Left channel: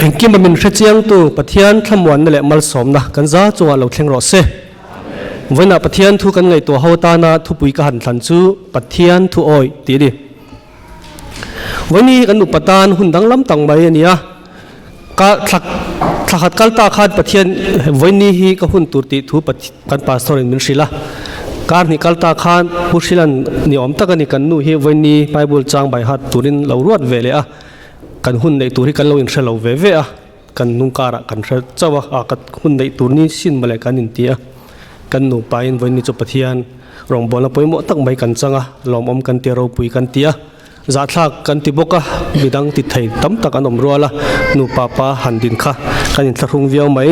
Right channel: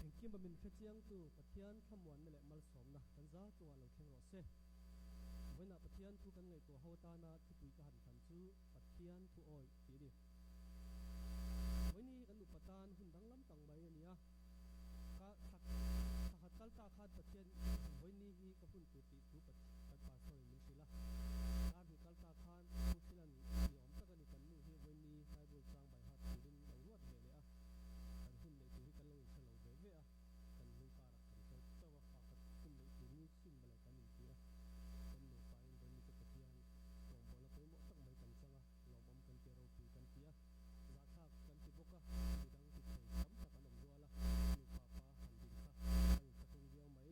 engki mamin hrechiang tu pathian thlamuan na le mal som na kan za chunga lo thleng ro se voina pathian thu kan ngai to hota na thu pui ka han thlan chu pathian thu oi ti di voini kan nu patan hundang lam tang mai ania ka thakhat kalta khat pathian voini hi ka hun turti thu kan pastor in min shila kar ni kalta khan pushilan ni om takani kan nu hi voini bible chang bai hat turin lo ruat vele a kan hun nei turi kan lo in shalo ve ve a kan nung kara kan hre chawa a kat hun nei tur ni sin male kan in tia kan nu pain voini chu pathian rong bola poimo tak mai kan changa lom om kan te ro pui kan tia za thak kan ti boka bidang ti thei tam tak anom ruala nu papa handin kha kan in thlung viau mai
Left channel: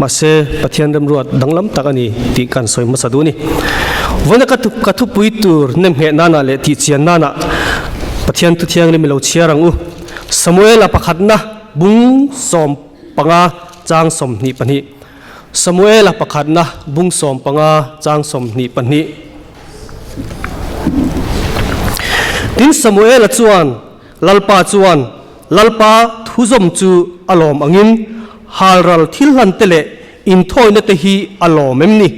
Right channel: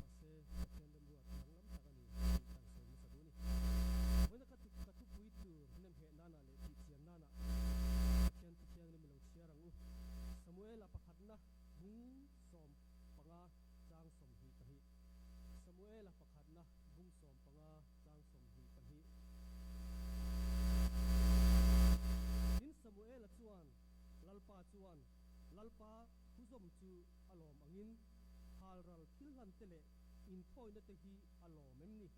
ma se pathian rem ruat danglam tak ani ti kan soi ma saduni voina ka thu pui tur nem he nana le ti chian nana pathian tu thiang le milo chiarang u Samuel apakhatna bung som panga chang som ni pani Samuel apakhatna bung som panga chang som ni pani tin Samuel chuan lalpa thuzom chu alom angin halral thilhan tele in thoina te hi alom emni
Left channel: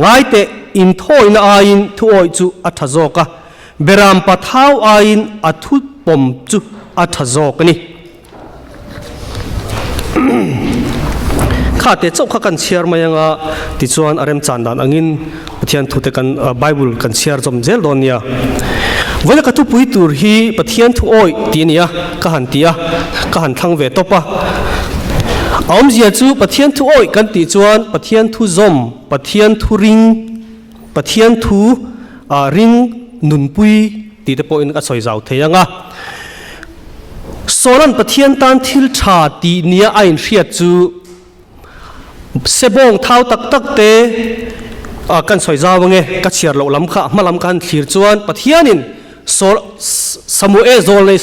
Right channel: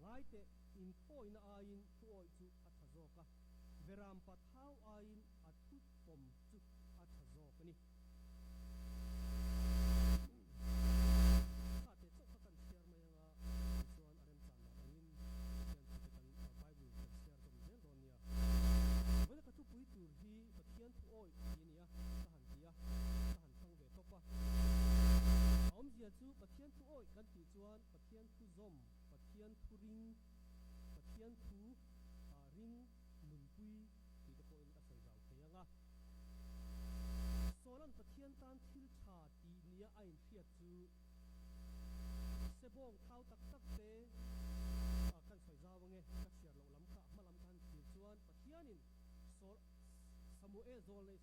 ngai te in thoina ain thuoi chu athazoka beram pathau ain athu pom chu athazok ni khate chau kha kan share mayanga ti chuan arem chandan angin pathian thute kan bible kan share jom zel donia voina ka tu pui tur hi pathian thu oi ti nia ka han tia ka han thang ve topa aum zia chu pathian thu oi kan ti chuan pathian thu zom pathian thu ring pathian thu ring nun pui ti te po in ka soi zau theyanga solan pathian tan thil tha ti nia ain hriat chu sebong thau tak tak te kan soi zawange ka chiar lo lam kha malam kan thlir chuan pathianin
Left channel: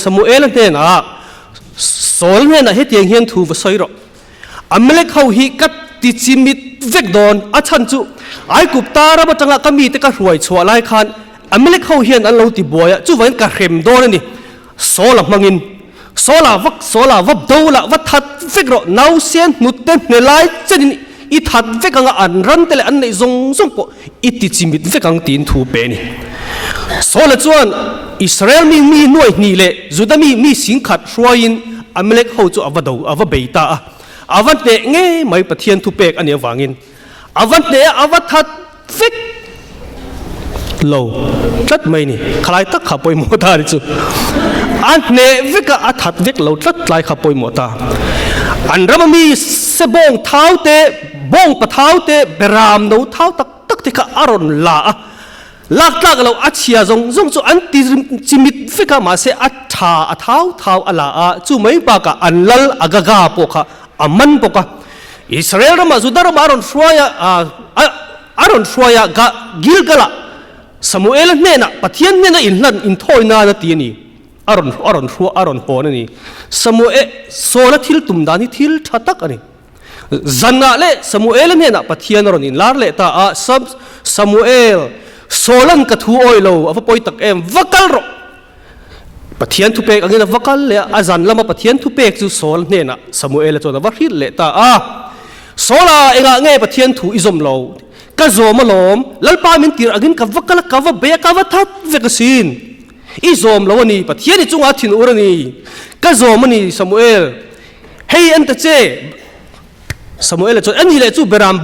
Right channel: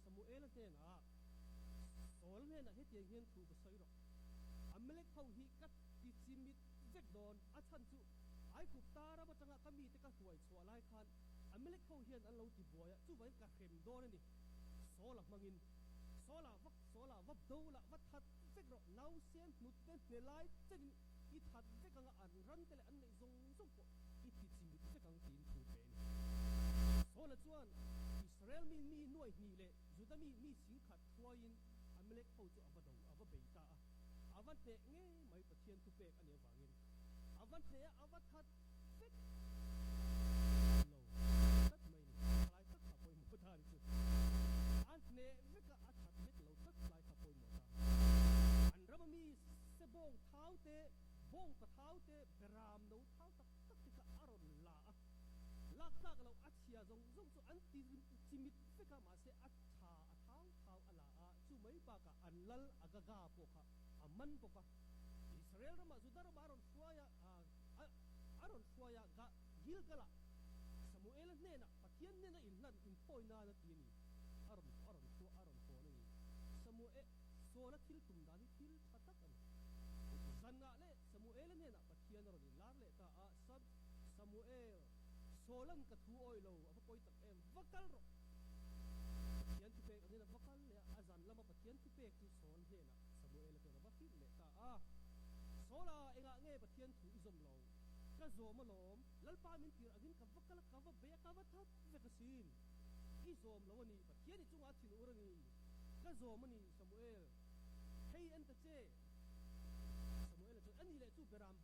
Samuel ne na sol ne na hetiang hian thu va soiro amelek ho hi kat ti chimit vek don achan chu ai kup tara ba tanga kami te ka ruai chwa lai khan amelek ho hian an lo ti boya chu wain ka rem don ani sola mangin sola vap dola va that vek ro nau sian nutten ne lai chenin I that vek anga an ran tele an nei zong po I ti chimit vek ang tin thu pe ni sola chuan Israel mi noi ni le Judami mi sing khat hruain amelek ho chu ava beita a avan te nge mai pathian thu pek ani awangin avan te ava that vek lo tlat mai ni khalai tak kha poi mo ta ri chu an ne veka a that vek lo tlat lai kha poi mo ta an ramami se bong thau te bong pathau te beram no thau tak te ka aron la lak lo achia zong chu an ti chimit veka ma se a thau ala a chu mai pa ka anlal agaga po kha aman po ka Israel rama Judah aron shwaya ga Gilgala Samuel ne na pathian ne na in thoina na ti ni aron ho na ni Samuel sola thil tumdani thil thatak ani zanna le Samuel ne na pathian ron in lar le ta a sab Samuel solan ka thu oi lo ava poi tak em vakal ro pathian thu pek angina vakal le azan lama pathian thu pek chu sol ne na Samuel chona va hil le ta a sola enga nge pathian thu izom lo ka zoma lom lalpa min tir agin ka vakal ka va be ka va that vekasin izom lo ni pathian chunga thin urani ka zoma ni Samuel hey anta che Samuel chu an hi le chu beram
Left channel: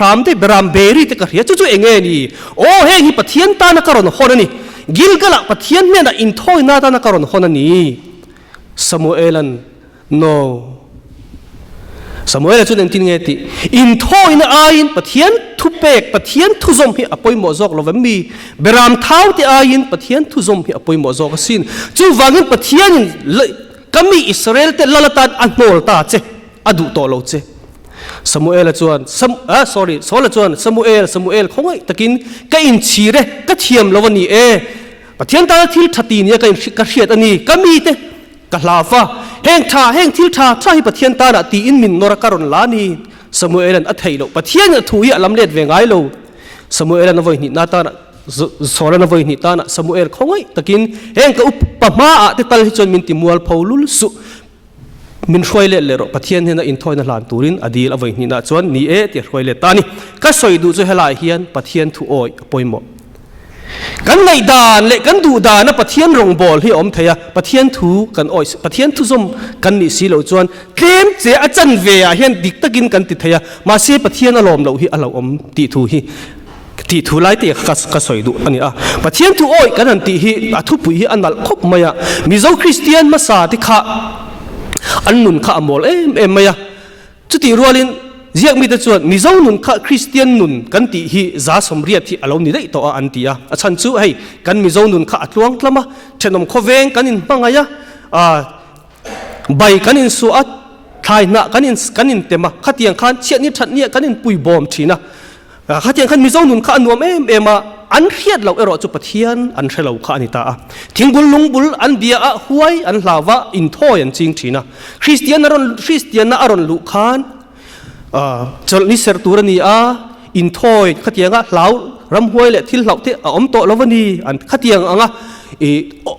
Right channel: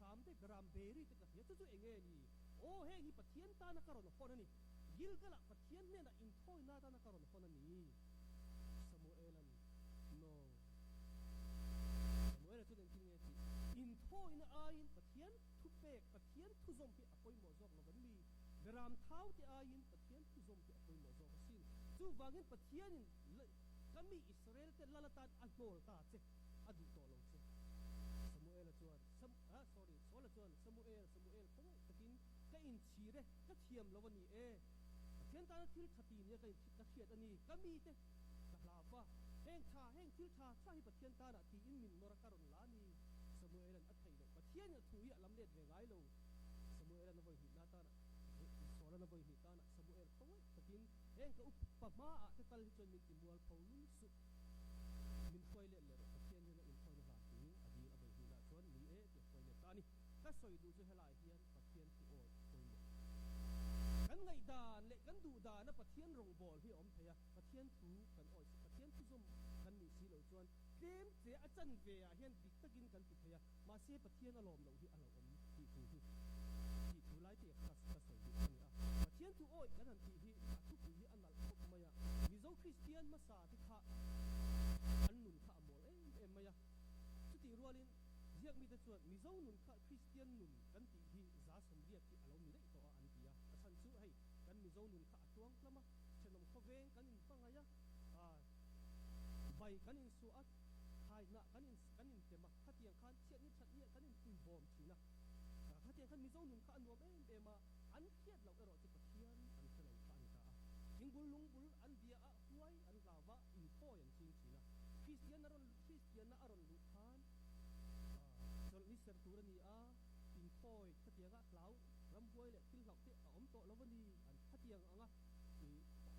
ram te beram beri te ka ria chu enge ni o he hi pathian ta na karon honani Gilgala pathian ne na in thoi na ta na karon honani Samuelan no Samuel chu den tin nge ti in thoi na ain pathian thu pek pathian thu zom hi apoi mo zok lo mi beram thau te ain pathian thu zom hi apoi mo zok sin chu wangin pathian kami Israel te lalatan anol ta che adu to lo che Samuel chuan Samuel khongai takin ka in chire ka thiam lawani pathian ta thil thati ni ka hriat ani kami te ka hlafa heng thil tha hi pathian ta na ti in min nora karon lani Samuel an athailo pathian thu hi alam let ve ngai lo Samuel an voi ni na ta na sola na voi ni ta na Samuel khongai takin heng ka upama a te tal hi chon min ti mual phaulul su มินช่วยเล่นเลยรปะเทียนเห็นอินทอยนั่นหลานตูรินอดีตเอาไว้นี่นะจวนนี่เตียช่วยเล่นตานี่ก็สวยดูจะให้ลายเฮียนปะเทียนถูโอยปอยหมดกันในด่านเละกันดูด่านนะปะเทียนรงบอลที่อมเทียปะเทียนถูกันโอยปะเทียนถูสมกันนี่สิเหล่าจวนเกมเจ้าอาจารย์เวียเฮียนดิกตะกินกันติดเทียมาเสียปะเทียนอารมณ์เหล่าที่เราอมติถูที่ที่ถูไล่เตะก็สวยดูอันนี้ปะเทียนถูโอยกันนั่นติที่ทุบปุยอันนั้นครบมาอะมิโซคริสเตียนมาสาธิข้าอันนุนข้ามอลมายจุดที่รัวลินเรียกมีแต่ส่วนมิโซนุนข้าคริสเตียนนุนกันตีฮีซาสมเรียที่อารมณ์นี้ได้ต่ออันตีอาฉันจู่ให้กันมิโซนุนข้าอัดลวงกล้ามาเช่นนมโคเวงกันอินปังไงใบกันอินสุอัดทายหน้ากันอินเต็มขัดยังขันเชียนี่ชัดเนี่ยกันอินปุยบอมทีนะขัดยังขันมิโซนุนข้าอันนวมมาอันเรียดเรารอจุปเทียนอันเชลเราข้านิตาทิ้งบุลลุงบุลอันเบียหวยอันลาวะอินโทยันจริงทีนะคริสเตียนน่ะอรอนลุขานจนนิสเซอร์ตูรนีอินโทยขัดยังเหลารำหวยเละที่เหลาที่อมโตลวันนี้อันขัดยัง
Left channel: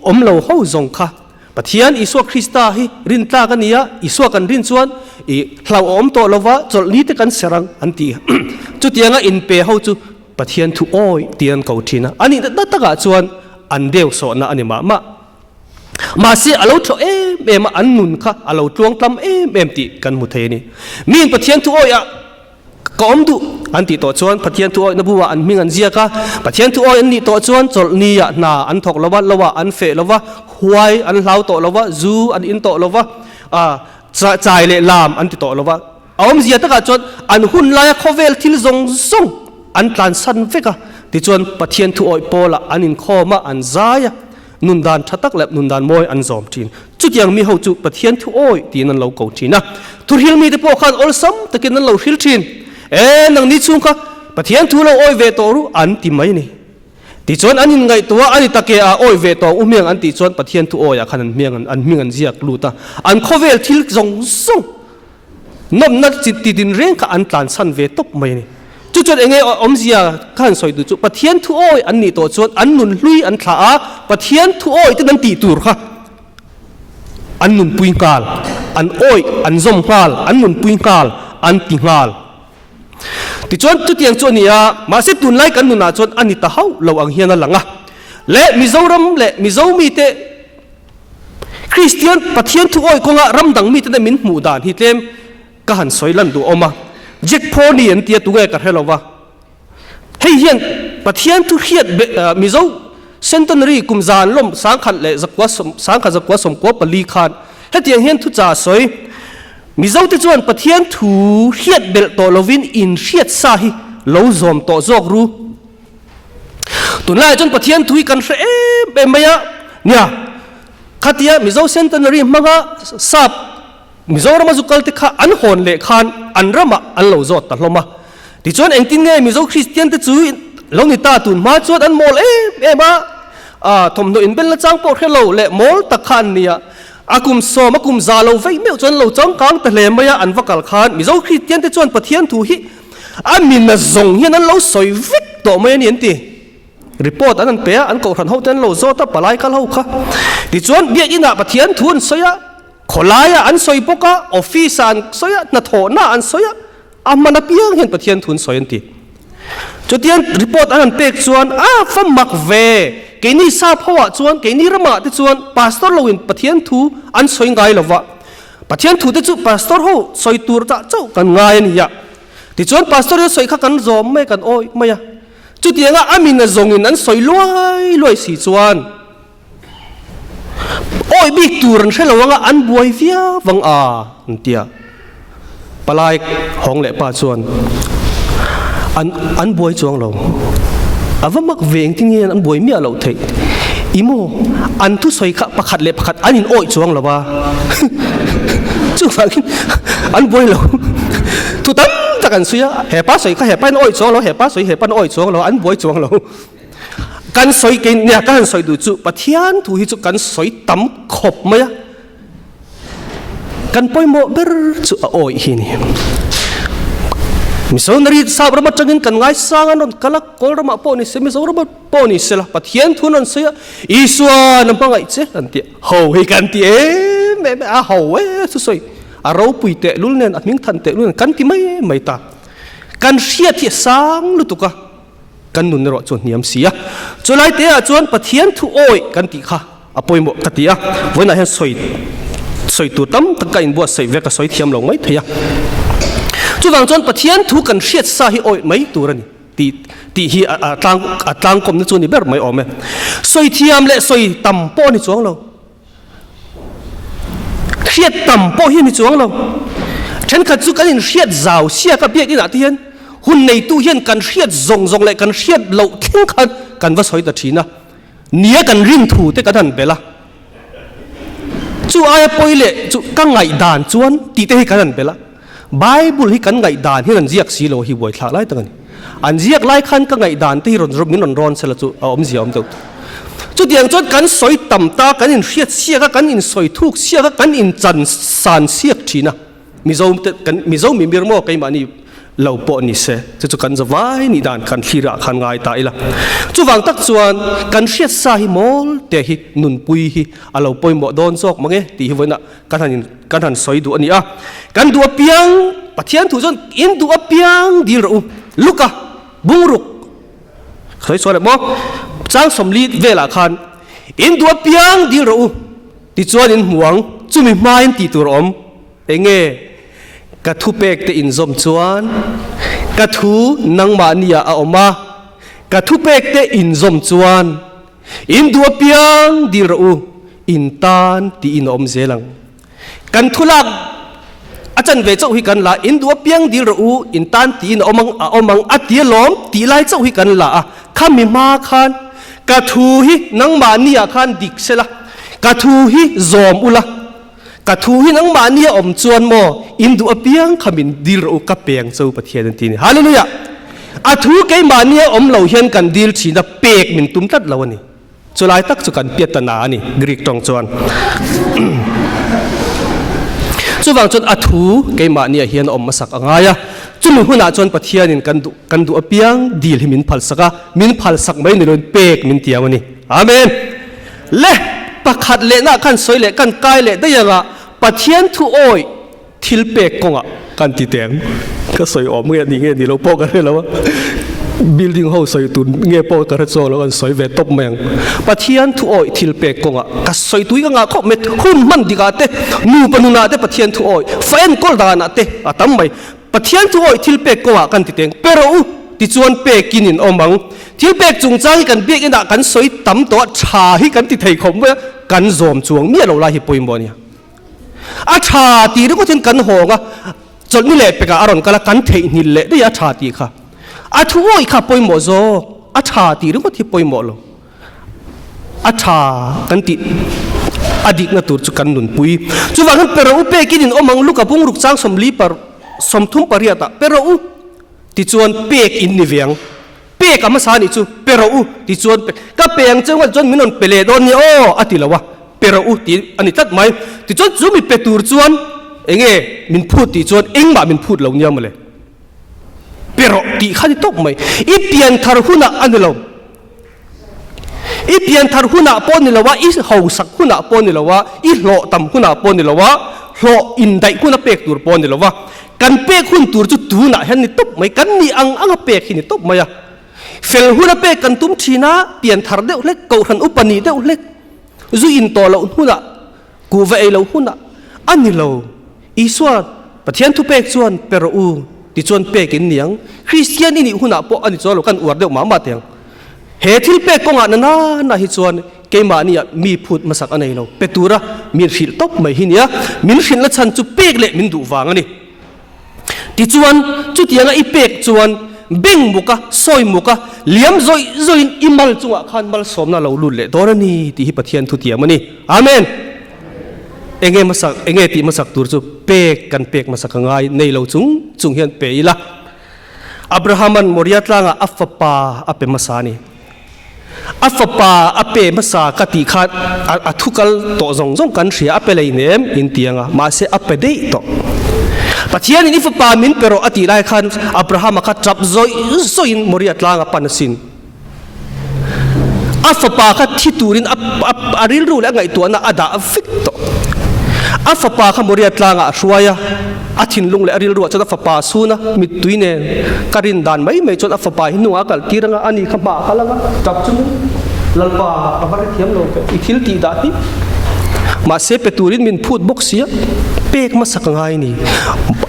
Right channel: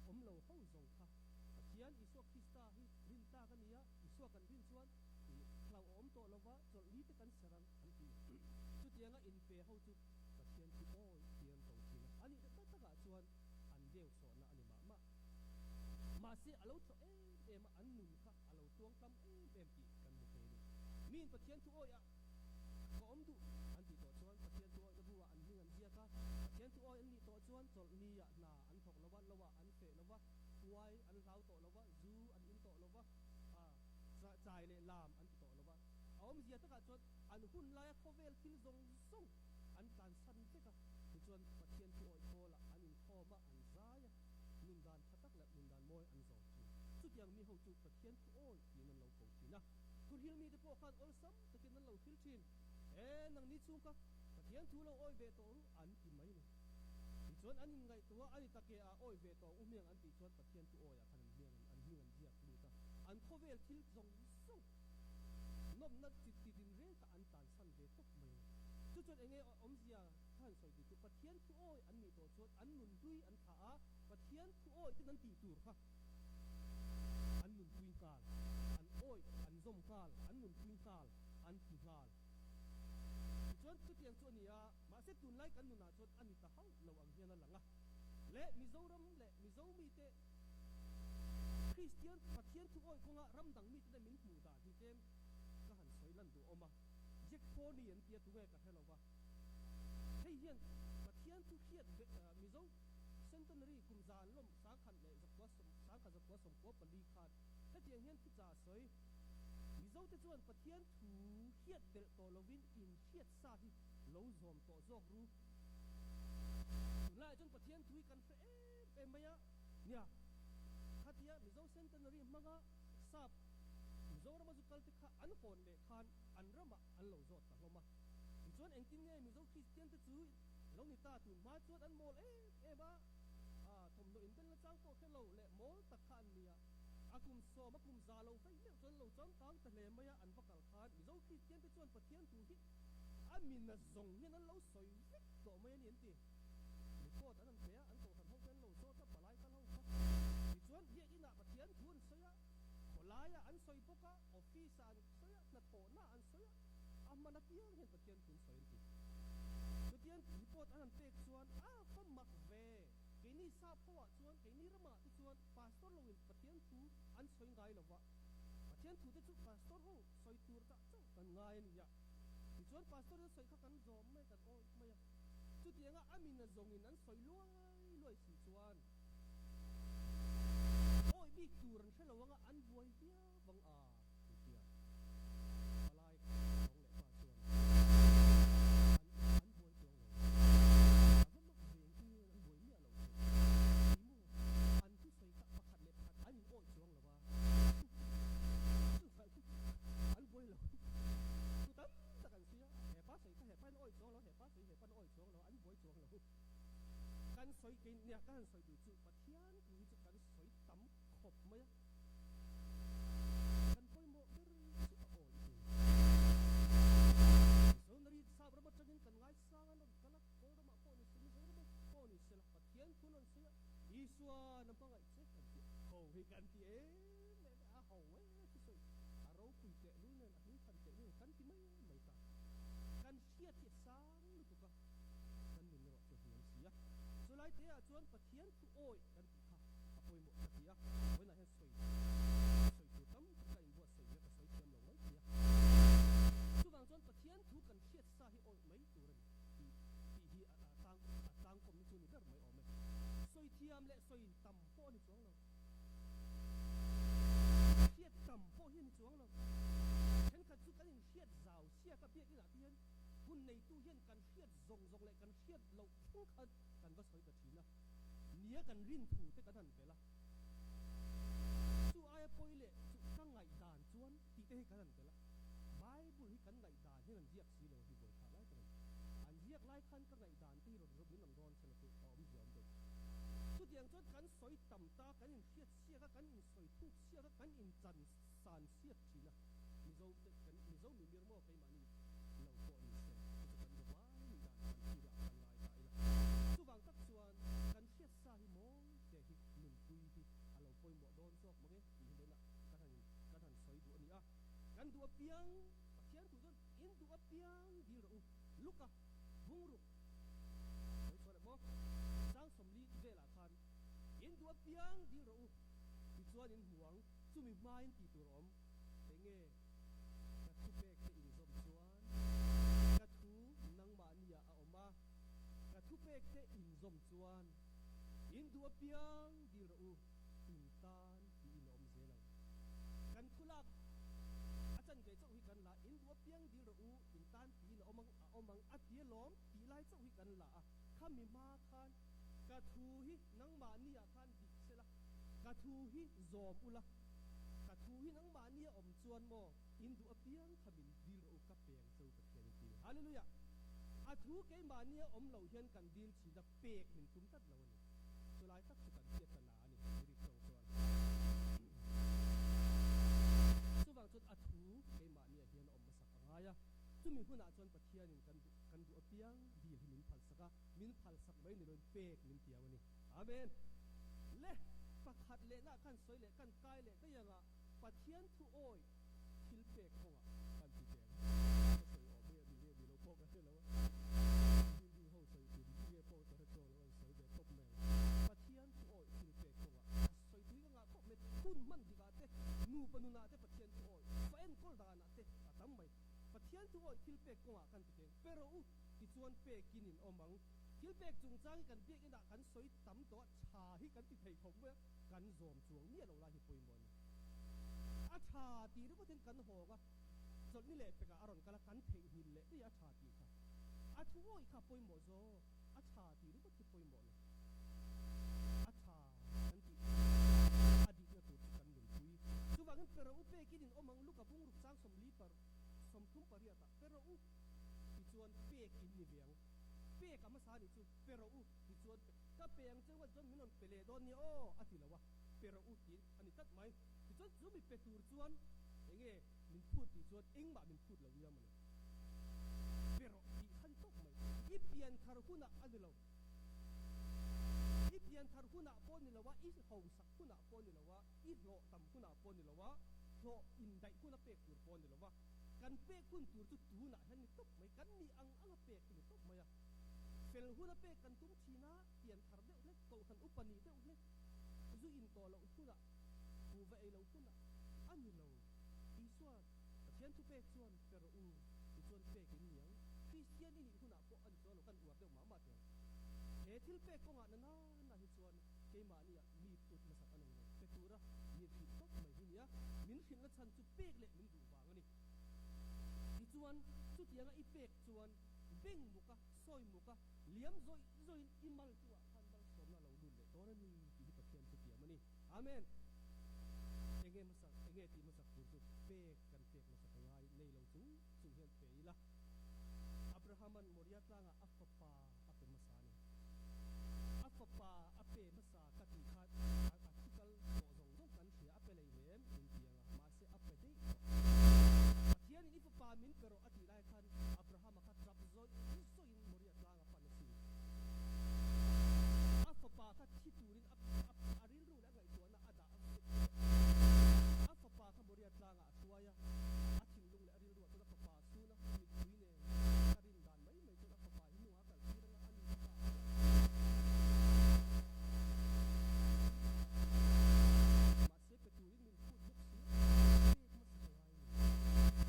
อมเราเข้าจงค่ะปะเทียนอิสวคริสตาฮิรินตากันนี้อิสวกันรินชวนเหลาอมโตลวะจนนี้ที่กันเสรังอันตีจุดยังอินเปเข้าจุปะเทียนทุโอยเตียนเก่าทีนะอันนี้ตั้งแต่ชวนอันเดียวสอนนะอันนี้มาเสียเราเอ็มอันนุนค่ะเราจวงตำเอ็มติกันมุทเทนี่มีนปะเทียนทุโอยก็อมดูอันติต่อชวนปะเทียนทุโอยนับว่าอันมีอันเสียค่ะปะเทียนทุโอยอันนี้ต่อชวนจนนี้นาอันถกละวะอันเฟละวะหวยอันเหลาต่อละวะจูอันอินต่อละวะใจเละลามอันติต่อละวะอมเสียตั้งแต่ชวนอันหุ่นลายโคเวลทิลซงอันตันสันเฟกะที่จวนปะเทียนทุโอยโปละอันอินข้อมาอันใจนุนดานชัตักเล็บนุนดานมวยอันจอมจีนจุดยังมีเขาจุปะเทียนทุโอยที่นั่นเราเก่าจีนนะทุเรียนมีแต่พวกขันอลซัมตะกินนั่นเราฮิลจีนนังนิชุงค่ะปะเทียนทุเราโอยเวโตรุอันติไม่นี่ที่จวนอันยังไงตัวอันนี้ตะเกียโอยเวโตอุ้มยังอันที่จวนปะเทียนทุโอยขันเมียงอันเมียงอันเจียกลูตาอันโคเวลทิลจงซุงน้ำนัดจิตติดินเร่งกับอันตันสันเวตบไม่นี่จุดเองอมเสียขันสอยดูจุปะเทียนทุโอยอันนี้ตัวจวนอันนุนลุยอันขาปะเทียนทุโอยที่นั่นตีตูร์ค่ะอันนุนปุยกาลอันโอยอันซอมกาลอันนุนปุยกาลอันติงาลที่จวนจุดยังจวนนี้มาเสพตุนไล่กันนุนจวนอันนี้ตาเฮาเราอังเฮียนั่นหลังและมิโซรัมและมิโซมีเตคริสเตียนปะเทียนทุโอยคงรำดังมีแต่มินหมู่ด่านฮิตเลมก็หันสอยลันดูออกมาเจ็กพอนี่อันเตียตัวกันให้เราว่าให้เห็นปะเทียนทุเขียดมิโซเซนตันรีกุมจานลมสังขัดเละจักว่าสังขัดจักว่าสมกว่าปลีคานให้เตียงเห็นทุจ่าสวยมิโซที่จวนปะเทียนทุเขียดเบลโตโลวินอินเขียดซาฮิโลซอมโตจอกรูตุนไล่จนปะเทียนทุยกันเอ็มยะเนี่ยขัดเตียมิโซเซนตันรีมังะซับมิโซรามาจุกัลติข้าอันหอนเละขานอันรามาอันเหล่าจอดตัดลงมาที่จวนเองตินไงมิโซคริสเตียนที่จุยเหล่านิตาตุนมาจวดอันมอลมาทมโนอินเป็นละจังปอดให้เหล่าเละมอลตะขานเนี่ยอากุมโซมากุมซาเหล่าไฟเมื่อจวนเหล่าจังกังแต่เลมายอันวักกัลขานมิโซคริสเตียนที่จวนปะเทียนทูฮิอันมินน่ะจงเฮียนั้นเหล่าสอยวิกต่อมาเนี่ยนี่รีพอร์ตอันนั้นเปียอันเก่าทันเขาเต้นเหล่าโซตับปลายกันเหล่าค่ะที่จวนเบียกินะปะเทียนทุนสอยขลายอันสอยปกะออฟฟิศอันสอยนัทโหน้าอันสอยอามันเปียงเห็นปะเทียนทุนสอยอันตีจุดเทียนรีพอร์ตอันนั้นเป็กชวนฟังมักเวเกนี่ซาพวะชวนเกนี่ระมาที่ชวนพาสตอร์ลวินปะเทียนทูอันสอยไงล่ะวะปะเทียนทูที่จุพาสตอร์เขาสอยตัวจะเจ้ากันไงนี่ยะที่ชวนพาสตอร์สอยข้ากันจอมไม่กันโอ้ยไม่ยะจุดเทียนอามินจงอินอันสอยลอยสีชวนโอ้ยบิ๊กตูรันใช่หรือว่าอันบวยเฟียวังอันเตียปลายห้องเละป่าชวนอันบวยจวงเราว่ามักเวงที่เงี้ยอันบวยเมียเราเถอะอีโมอันทุสอยขะประคัดเละประคัดอันนี้โอ้ยจวงเราว่าจุฟังอันบวยเราทุตั้มตะกันสุยะแห่ป้าสอยขะแห่ป้าโอ้ยจวงเราแห่ป้าสอยแห่ป้าโอ้ยจวงเราอันบวยจวงเรากันสอยกินเนี่ยกันสอยดูจุปะเทียนถูกหิจุกันสอยตั้มขบไหมกันปอยโมเบอร์จุโอ้ยฮินี่มิโซนารีสาวรามาจังกินกันง่ายสร้างอันกัลกกอลรามาปอนิเซมิโซรามาปอนิเซละปะเทียนทุนันเสียอิสวานับปังไอเจกันตีโหยกันตี แม่อาหัวสวยเราปุยเตะลุ้นเนี่ยมิ่งทันเตะลุ้นกันที่ไม่ตากันเสียที่สังลุตุกะกันนุนรอจนเนียมเสียจนไล่เตะจนปะเทียนทุโอยกันติค่ะอภัยหมดกติอ่ะวันนั้นสวยตัวตั้มตะกันบัวใส่เวกสวยเทียมลงไม่เทียจุดวางจนปะเทียนทุกันเสียสาหิโอยไม่ตัวนี่ตีฮีต่างกลมในส่วนนี้แบบไม่ออกไหมสวยเทียมและสวยต่ำป้อในช่วงเราเสียต่ำป้อที่ในช่วงเราฉันขัดสู้กันเสียเจ้าเสียกับเบียกนี่นะที่เห็นหุ่นในตู้เย็นกันเสียซงเลยกันเสียเหลาทิ้งกันว่าสวยแต่ทีนะเนี้ยกันริมถูแต่กันทันเปล่าจู่อายปอยเล่จู่กังไงด่านจวนตีเตะให้กันทันเปล่าไบเบิลให้กันไงด่านที่นั่นเรียกสีโลหิบวยทลายตั้งนี้อันเรียกไล่ขันกังไงด่านที่มินร้อนเสร็จจู่เอาเสียตัวจุดอย่างจนกันสวยต่ำตากันอินเสียกันอินสวยทุกเสียกันอินจันสานเสียทีนะมิโซมีมีรโมกันมานี่เราปอนี่เสจะกันจะไว้นี่ด่านกันที่ระกันง่ายตายละจู่วังตักส่วนกันเสียสาหิมอลแต่หินุนปุยหิเราปอยหมดโดนซอกมั้งเอตีหิวันน่ะกันทันสวยดูอันนี้อ่ะกันดูเปียงปะเทียนถูจนอินดูเปียงดีรู้ลูกอะบุ้งรุกเคยสอนมั้งจ้างสมลีเวลาคันอินดูเปียงดีรู้ที่จวนอินห่วงจู่มีไม้ตีตัวอมเองกระทุเปกเตอินซอมจวนกระทุนังมานียาออกมากระทุเปกเตอินซอมจวนอินดัวเปียงดีรู้อินตานตีอินอมเซลังกันทุลักอาจารย์เวเจ้าหิกันละอินดัวเปียงดีรู้อินตานตีอินอมังอัดเดียล้อมตีไล่เจ้าหิกันละข้ามีมาคันกระทุหินังมานียาคันดิกเซละกระทุหิซอมอุละกระทูหินังมาเนี่ยอมจวนโมอินดูอเปียงขมินดีรูกับเปียงเจ้าประเทศนั่นทีนี่ฮาเลลูยาอาทูเกมาเนี่ยอมเหล่าเฮียนกันดีลชีนับเปกมินตุ้มตัดเหล่านี่จุลายตักจุกันเปียตนานี่กรีกตองจวนจุวังจนอาทูเกมาเนี่ยเฮียนอมมาสักง่ายจุมีหุ่นอาจวนประเทศนี่กันดูอเปียงดีลให้มินพัลสักมินพัลสักไม่ในรุ่นเปกมินเตียวันนี้อาเมนเล่ประคัดเล่น่ะกันสวยเล่กันกายเล่ได้ยังอ่ะปะเทียนทุโอยทิลเปกกงอ่ะกันตีแตงก็สวยออกเมื่อนี้เงี้ยนี่เราโปกันได้แล้วว่าบิลดิ้งเฮาสวยตุนเงี้ยโปกันรัดโซแล้วกันสวยเวทตบแมงปะเทียนทุโอยทิลเปกกงอ่ะก็สวยตุยก็งาเขาเม็ดหุ่นมันดีกาเตนูปนุนาเตปะเทียนทุโอยแฟนกอลดานาเตอะตั้มไปปะเทียนทุโอยทิลเปกกงอ่ะกันตีแตงเปรูที่ชวนเปกินินอมังที่เปกจุงจ้างกันเบียกันกันสวยตั้มตัวชาให้กันติดไทยคมเว้ยกันโจมจวงเมียเราลายหิปอยมบ่เนี่ยอาชาตีนี่ก็ถึงกันหงอ่ะจนนี่แหละเปกอารอนกันละกันเทนิเละได้อาชาตีค่ะอาช่วยข้าปอยหมอโซอาชาตีนี่ก็ที่ปอยหมอลอาชากันติอดีตนัตุจุกันนุนปุยจุว่ากันเปรูเปกินินอมังลูกกับพุงลูกจ้างสมลีปาสมทุ่มปริยัตะเปรูที่ชวนเปกอินนิเวียงเปกอามาสานิจูเปรูที่ชวนเปก็เปงจังว่าจนมินนเปเลดอนนี่โออติละวะเปรูที่อันนี้ตัดไหมที่ชวนจูมีเปตูร์ชวนเองมินพูดที่ชวนเองมามินพูดเหล่านี้มาเลยเปรูที่ข้าที่ตกไหมอีเปียนทารุณะอันนี้เราอีเปียนทารุณะปนนี่ละวะอีเฮาสักหุณะปนนี่ละวะอีโลตัมหุณะปนนี่ละวะโลอินไดหุณะเปกตูร์ปนนี่ละวะกันเปกหุ่นตูร์จุดตูน่ะเห็นนี่ตบไหมกันนี่อังเปกนี่ตบไหมอะเฟลหุ่นเปกกันตุ้มชีนะเปลี่ยนทาร์เดวเล็กเกาหันอุปนิเดวเล็กจุอินโตเราหุ่นอะกูเวเราหุ่นอะอันนี้เราอีส่วนประเทศทุเปกส่วนเปรูที่ส่วนเปกินเนียงคริสเตียนนี่หุ่นอะพออันนี้ส่วนเรากันอวดเดวมาเตียงเหตุที่เปกกงอันนั้นน่ะฮิส่วนเกมานี่มีพูดมาสักอันไหนเราเปตูระมีฟิลตบไหมฮิเนี่ยมินฟิลละชันจุเปกเละมินดูฟังอันนี้ที่จวนจุดยังไอเป็กจวนเบ่งมุกะซอยมุกะเลี้ยมซอยอิมัลจงขันมัลสมน่าเราลุ่นเละตอนนี้ที่ฮิปเทียนทุติยามันนี่อาเมนเองมาสักเองที่มาสักตัวจุเป็กกันเป็กมาสักง่ายในเราจุงเฮียนเปย์ละอับราฮัมันมริยัตลางอัฟปาอัปเปมาสานีอัฟปาอัปเปมาสากติขัดอัทุกัลโตจงกันเสียอัปเปเลยเนมอินเตียงะมาเสอัปเปเดย์โตปัจจัยนี้ฟุปามินเปโรอติไลขันอับราฮัมขัดจับซอยมริยัตลางปันสินอัฟปาขัดที่ตูรินอาริลรูและไงตัวน่ะอดาฟิกโต อัฟปาขมริยตลางะช่วยอาทินลุงเลอริลรัวจนอัฟปาสูนะมิตุยเนการินดานไม่จนอัฟปาหินุอากัลตีรังอันนี้ขบาขลังจับจุนลัลปาอับาร์เทียมโลเปอิคิลตีดาฮิมาเซเปตูรินมินพูดบกเสียเป็กมาสักไงนี่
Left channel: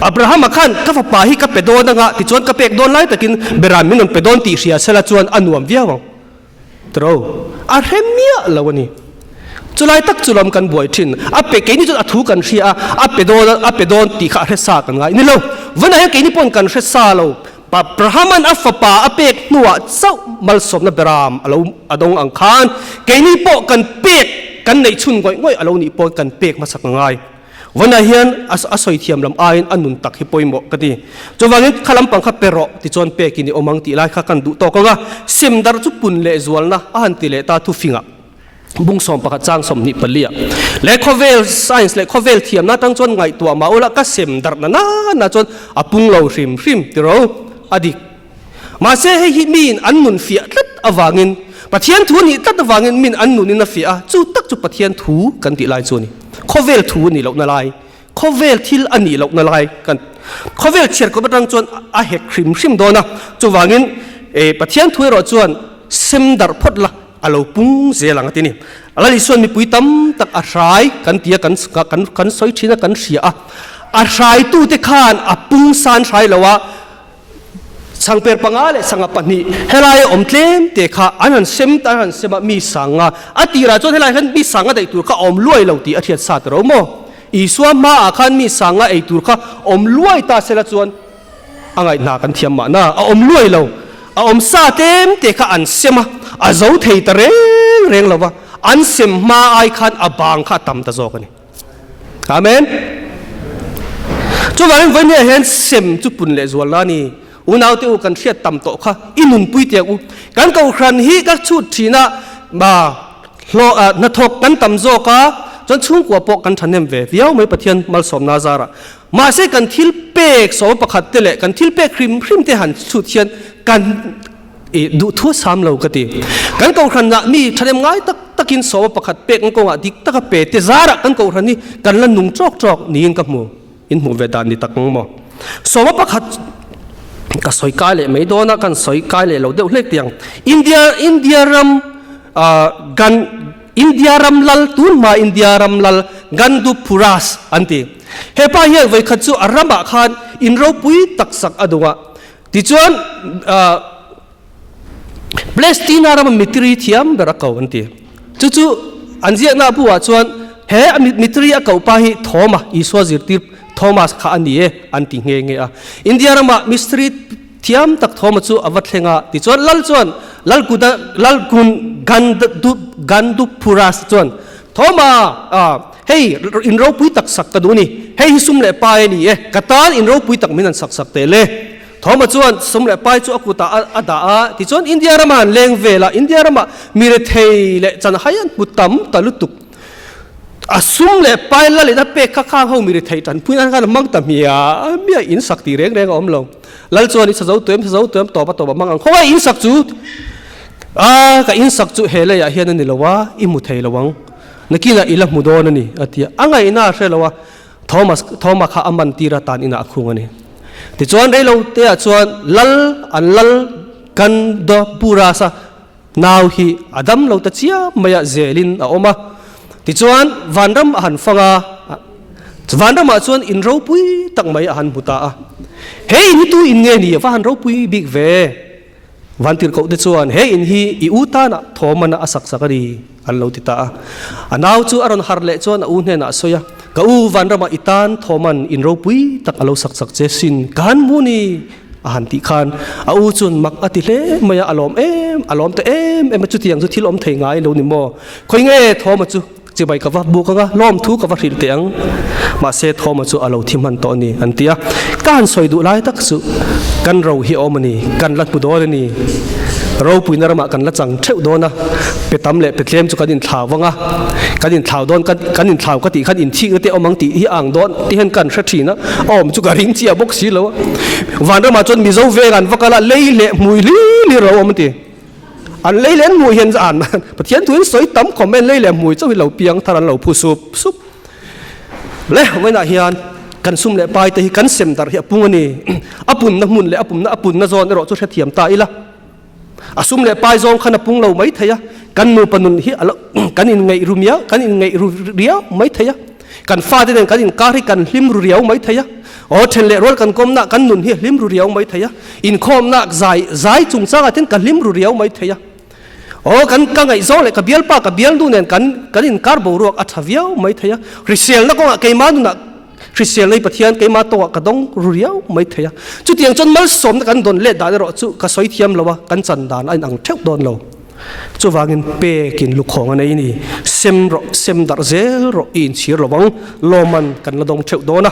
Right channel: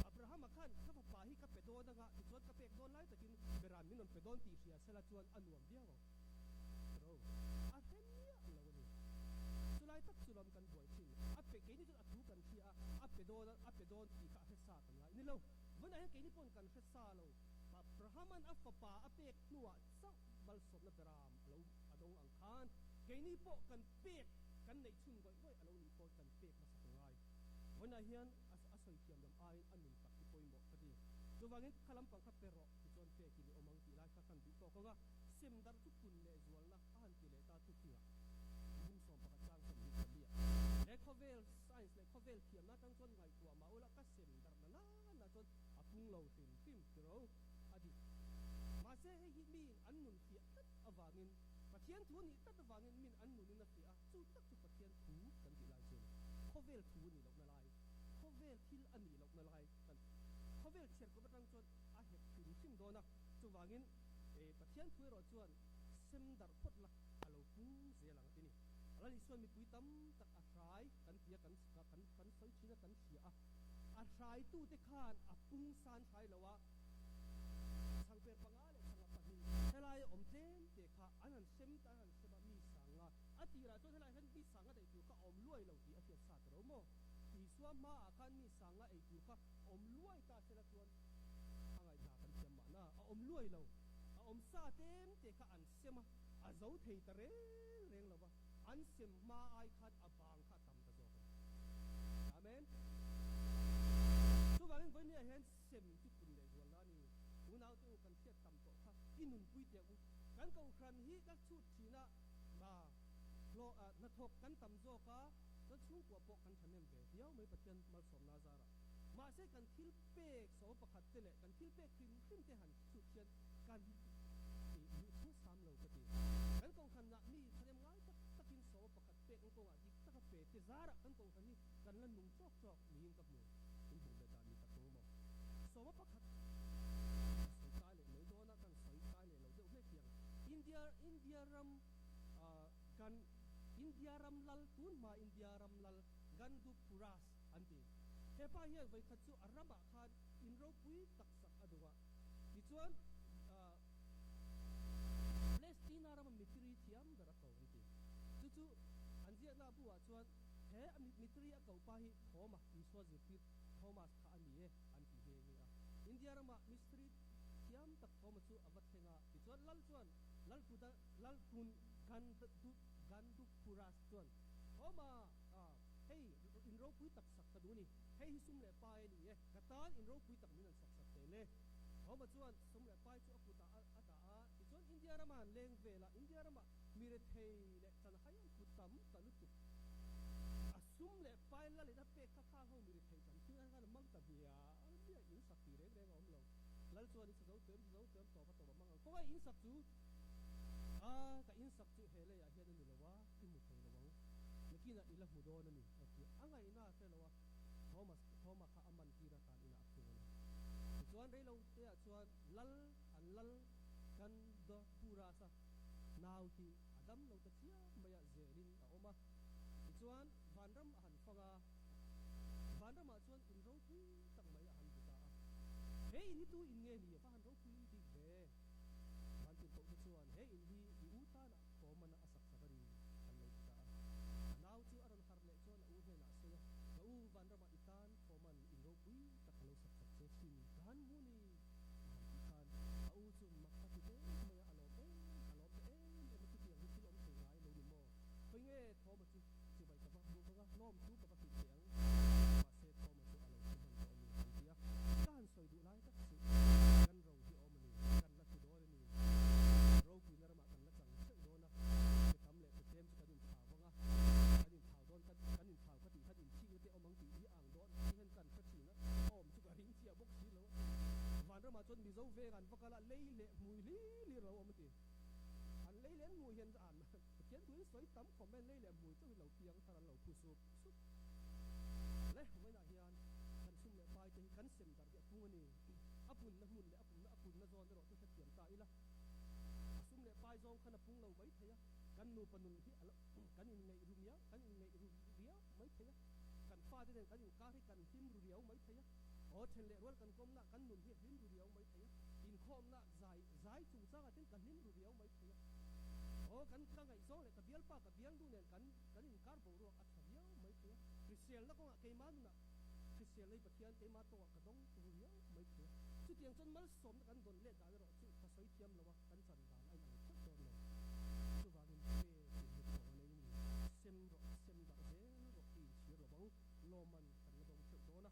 อับราฮัมมาขันกับอัฟปาฮิกับเป็ดโดนงะติจวนกับเป็กโดนไล่แต่กินเบรามมินนเป็ดโดนตีเสียเสละจวนอันวมเวียวตรออาเรเมียละวันนี้จุลัยตักจุลมกันบ่อยทิ้งอัปเปกนี่จุดอัฐุกันเชียอัปเปโดนตีขาเรศากันไงนี่เราวันไหนกินี่ปนกันเรศาเราปะประหามันอัฟปาอัปเปกนัวเจ้ามัลสมนบรามเราอดงอังคารกินี่ปกันเปกกันในชุนก้อยง่อยเรานี่ปนกันเปกมาสักไงวันไหนเห็นอาศัยเทียมลำอายอันนุนตักให้ปอยหมกันดีจนวันนี้ขลังปังขับเปรอที่จวนเปกินี่อมังตีไล่ข้ากันดูต่อก็ว่าเสียมดาร์จุปุ่นเลจวนนะอันตีเลตาทุฟิงะบุ้งสมประกาศจ้างสมนิปเลียและคอเวลไซน์และคอเวลเทียมน่าตั้งจนไงตัวมาอุละก็เสียมดาร์น่าจนอปุงเราริมที่เราอดีมาเสียให้หิมินอันนุนฟิอัดอวางินปะเทียนทูนี่ตัดอวางินมินอันนุนนินฟิอาจูตักจุปะเทียนทูกันตีไลจวนี่คอเวลทูนี่เรานาไลคอเวลทิลอันนี้เรานาไลกันคอเวลเชียร์ก็มาตั้งจนอาเหตุคริมชิมโดนะจูวางินปะเทียนทูเราจวนเสียมดาร์พดละอาเราปุ้งเสียหลังที่นี่อะไรส่วนมีปุยตั้มตักอาศัยกันเตียกันสอยชินะกันเสียอาศัยตู้เตคานอาปุ้งสานใช้แล้วว่าสังเปรปังอาเลสังปนิเฮลัยอมเทมเตคาอันนั้นเซมตาอันเซมมีสังอาอติราจนเฮลัยขันมีสังอาได้ตัวข้าอมลวยเหล่าตีอธิษฐานเราโมอีสวามาอาขันมีสังอาไอตัวข้าอมลวยตาเสละจวนอะไรนากันเทียมมานะอมลวยเราอมซาเต็มเตคาอันเซมาอาเจ้าเทยตะเร่งแล้วว่าอันเซมมาไอขันอบางข้าตำตะโจกันนี่อาเมนจุดวันนี้เห็นเซมจุปุ่นเลจวนลานี่อุณเอาเตียวกันเชียตำโตค่ะอินุนปุยเตียกูกันเกาครันฮีกัชุดทีน่ะมาโลนัทกกันตำโจค่ะจนช่วงกว่าปกกันทันเนมเววิเอาไม่ปะเทียนมัลสมนาซาระมาเสกันทิลเปกสมประคัดเตเลกันทิลเปกคริมเตหันชุดเทียนกันดูทั่วสามเหล่ากติกันเกาครันน่ะมีทันเนมง่ายตะกินสมประคัดเปกกันกงอ่ะดิกตะกเปเตซาระกันเกาครันนี่กันละนุ่งจอกนี่กับหมูอินหมูเวดานนี่ตักงมอสมประคัดก็สอยกายเลยไม่โดนนะกันสอยกายเลยเราเดี๋ยวเล็กเตียงอินเดียรัมกันอินเดียรัมลัลตุนมาอินเดียรัมลัลกันดูพูรัสอันที่เฮป้าเฮไว้ขัดจู่อารัมบะขันอินเราปุยตักสักอดุงะที่จวนปเลสตินารัมมิตรีที่ยมเบรักเขาอันที่จู่อันเจียน่าบัวจวนเฮมิตรีอากาป้าฮิทอมาอิสวาซิร์ติทอมัสข้าอันนี้อันที่เงี้ยอินเดียรามามิสตรีเทียมตักทอมัสจูอวัตเลงะที่จวนลัลกุนกันดูพูรัสจวนทอมาเฮ้ยอินเราปุยตักสักกระดูนี่เฮ้ยสุ่มเล่ไปนี่กระตานอินเราปุยตักมินันสักเตเลทอมาจวนสุ่มเล่ไปจูอกุตาอาดาที่จวนอินเดียรามาเลงเวลาอินเดียรามามีเรเทเลจันหายันปุตตัมตะลุตุกอาสุ่มเล่ไปแล้วเลยถ้าเป็กข้างเขามีเรเทจันพูดนั่นกันมังตะเมียอินสักตีเร่งอมลงแล้วจวนนี่เจ้าตัวต่อปะมังเขาว่าอินสักจูก็อินสักจูเฮเลยเฮียนั่นนี่ละวะอิมุเทละวังนักกินอิละมุดอนนี่อาทิตย์อังไงน่าเชื่อละวะทอมัสข้าอามันตีระตานอินาคุงนี่ที่จวนได้เราเตะจวนลัลกันดอปูราสะนาวฮีอดัมเราตัดเชียมายาเซลินออกมาที่จวนวันรำหันฟังวันรำมาจวนอินเราปุยตักมายาหันบุตาเฮ้ยนี่ตัวอินเงี้ยนี่วันเราปุยบิ๊กเววันที่เขาได้ชวนเฮ้ยอินฮีอิอุตานะทอมันนะสักสักดีอันเราติดตาอันเอาจูอารอนฮาร์เลชวนอุ่นเห็นนะสอยก็วันเรามาอิตานทอมันอินเราปุยตักเราสักเจสินการมูนีอาหารที่ขันเอาจนมักอติเลมายาอารมณ์อารมณ์แต่มาจุดที่ยังจุดที่ล้มเทงายเราหนิมอคอยเงี้ยทอมาจูจะไปกับว่าบุกกับล้อมทุกกับว่าหิลเตียงมาเสทอมาจูอาเราที่มันตอนนี้อันเตียการสอยดูไล่ตักสุกันเราเหี่ยวมันนี่กันลัดบุดอนี่เราปุยนารมากันลัดจังเท่าโดนนะไปตำเละไปเลี้ยมจุกันดินข่าวว่างะกันดินข่าวโดนกันดินข่าวก็ตีกันดินที่ก็เตะเอามังตีที่อ่างโดนที่เห็นกันชัดทีนะอ๋อมจุกันริงเจียบกสีแล้ววันนั้นมาจนมีเจ้าเวกันว่ากันละเล่เละมวยลี่เราเอามันตีอันเล่เล่นมวยเห็นอ่านปะเทียนถุนสวยตั้มคอมเมนต์เล่เล่มวยเจ้าเราเปียงทารันเราผู้ซุบ le we na hian kan sum le pai te hi kan sem dar hi apung ani apun na mun le apun na zon ro chu the thiam ta ila asum le pai zong khana pung lo mai thaya kan nu panun hi alo kan in ngai rumia kan in ngai ria mai thaya kan fa de kan in kar hi kan hlim ru riau mai thaya o then le rol kan kom na kan nun hi hlim ru riau mai thaya in khom na zai chung changa ten kan hlim ru riau mai thaya o kan ka ngai zo le ka bial pa ka bial du nen kan in kar bo ruak athaviau mai thaya risel na ko ke ma nu na risel nei pathian ke ma to ka dong ru riau mai thaya chu tiang chon mal som na kan don le da ro chu ka soi thiam lowa kan chan dan an ang theu don lo chu wangin pe kin lu khong anei ni sem dar zel ro in chir lo wang loman kan la dong theu dona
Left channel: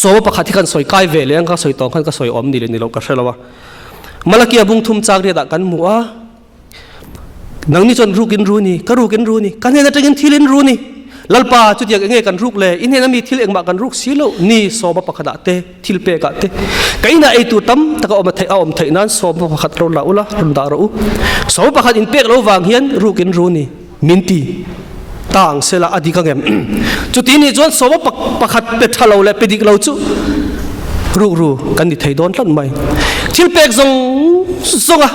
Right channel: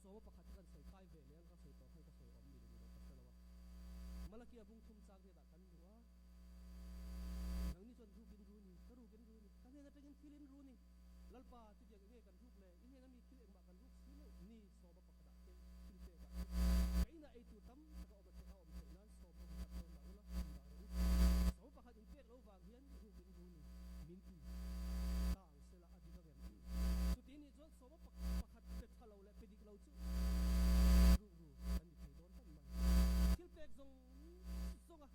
so pakhat kan soi kai ve le ka soi tong kan ka soi om ni le ni lo ka hrelawa malakia bung thum chak ri da kan muwa nang ni chon rukin ru ni ka rukin ru ni kan hena tengin thilin ru ni lalpa chu tiak enge kan ruk le in hena mi thil engma kan ruk silo ni so ba pakhada te thil pe ka te kaina ei tu tam taka om thai nan so ba pakhat ro la ula rum da ro so pakhat in pek lo wang hian rukin ru ni minti tang sela adi ka ngem chu ti ni chon so ba pakhat pe thalo le pe dik lo chu ru kan ni thai don tlan mai thil pek zong zonga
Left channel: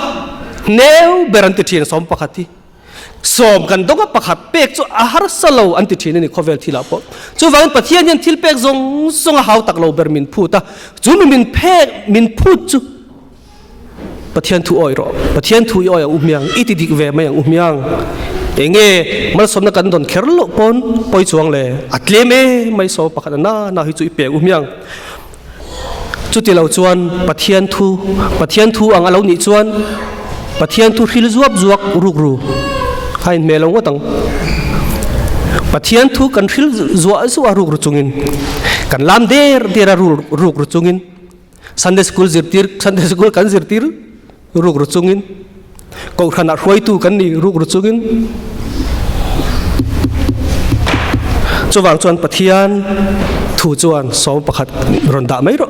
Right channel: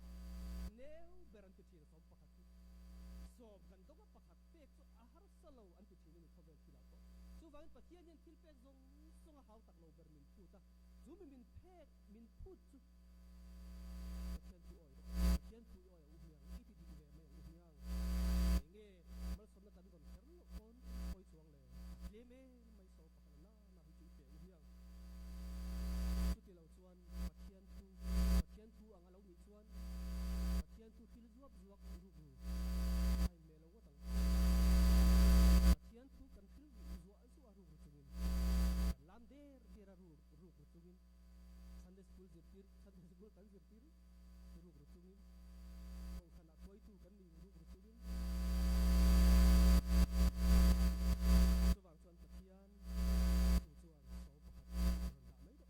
neu beranti thien som pakhati som kan donga pakhat pek chu ahar salo anti thien ni khovel thila po chu wang pathian yan thil pek zong zonga haw tak lo ber min phuta chu min phek min phut chu pathian thu oi ro pathian thu oi umyang iti dik ve mai umyang enge mal som na kan don kherlo pon poi chuang le atleme mai so pakhat na hi chu ipe umyang chu ti lo chuan pathian thu ang alo ni chuan pathian thu hil zuap zuak ruk ru hain me lo ngotang pathian thu kan hil zuwa zuwa ruk ru chungin kan lam der ruk ru chungin Sunday school kan zirtir ruk ru chungin ko khana roi tu kan ni ruk ru chungin chuwang chuan pathian thu chuan so pakhat ron da mai ro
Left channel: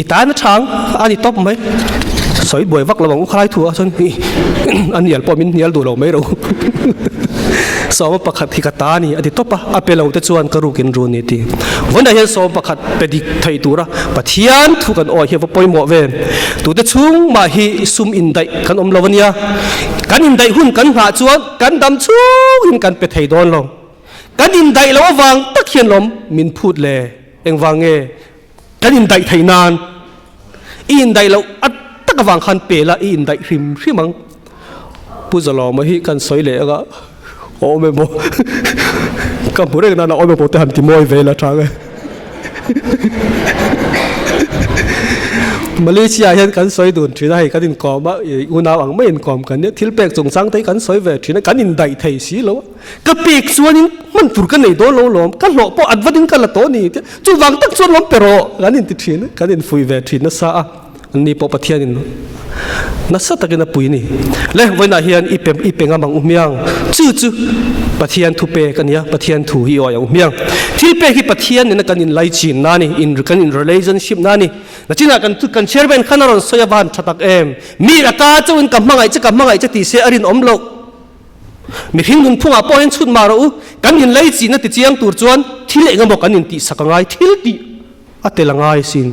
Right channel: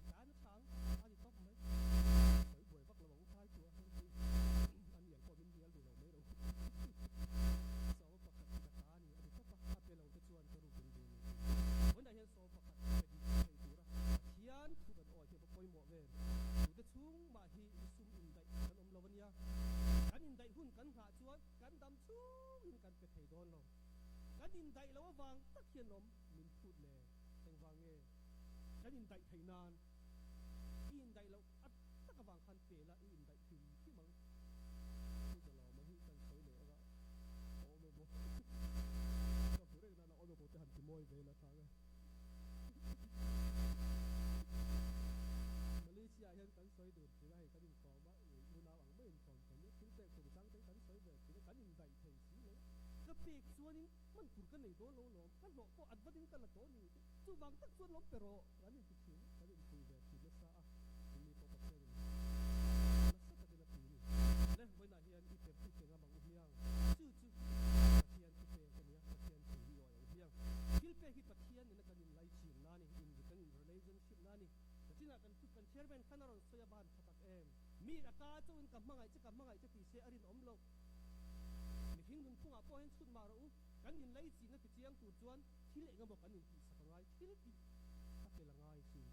itan thang ani top mai soi boi vak lawang khai thu a chon an yal po min yal du lo mai ro so pakhat hi ka ta ni adi topa apelo te chuan ka rukin ru ni ti wanda hian so pakhat pedik thai tura pathian thu kan oi he poi mo ve tu te chung ma hi sum in dai kan om lawania kan in dai hun kan ha chuan kan dam chung in kan pe thai don lo kan in dai lo wang tak hian lom min phut le eng wange kan in dai thai nan in dai lo at tak wang khan pe la in dai hrimang pu zalo ma hi kan soi le ga o me mo ka pure na o me po te han ti moi ve la thang Malaysia hian kan soi dun thina hi kan in kom ba una ang mai in kom kan ne thil pek chung sang te kan soi ve thina kan in dai thei si lo ka pek chuanin man tur kan nei do lo lom kan lo po adwadin kan la to ni chu wang tak chuan lom pero kan in ti thina kan in fui ve thina sa ni po pathian in nasa takina pui ni le voina hian ipenga mang umyang chu pathian thu pe kania pathian thu hi oi umyang thil pe hi pathian ne kan in lai chin na ni in kan in relationship na ni na china kan chairman khanaron soya ban thatak em mi aka chawin kamangai cha ti se arin omlo mi hingun phunga po hen chut maro kan in lai chin na ti chiang tur chuan thil engamo kan in ti sakangai thil ti atelangai sin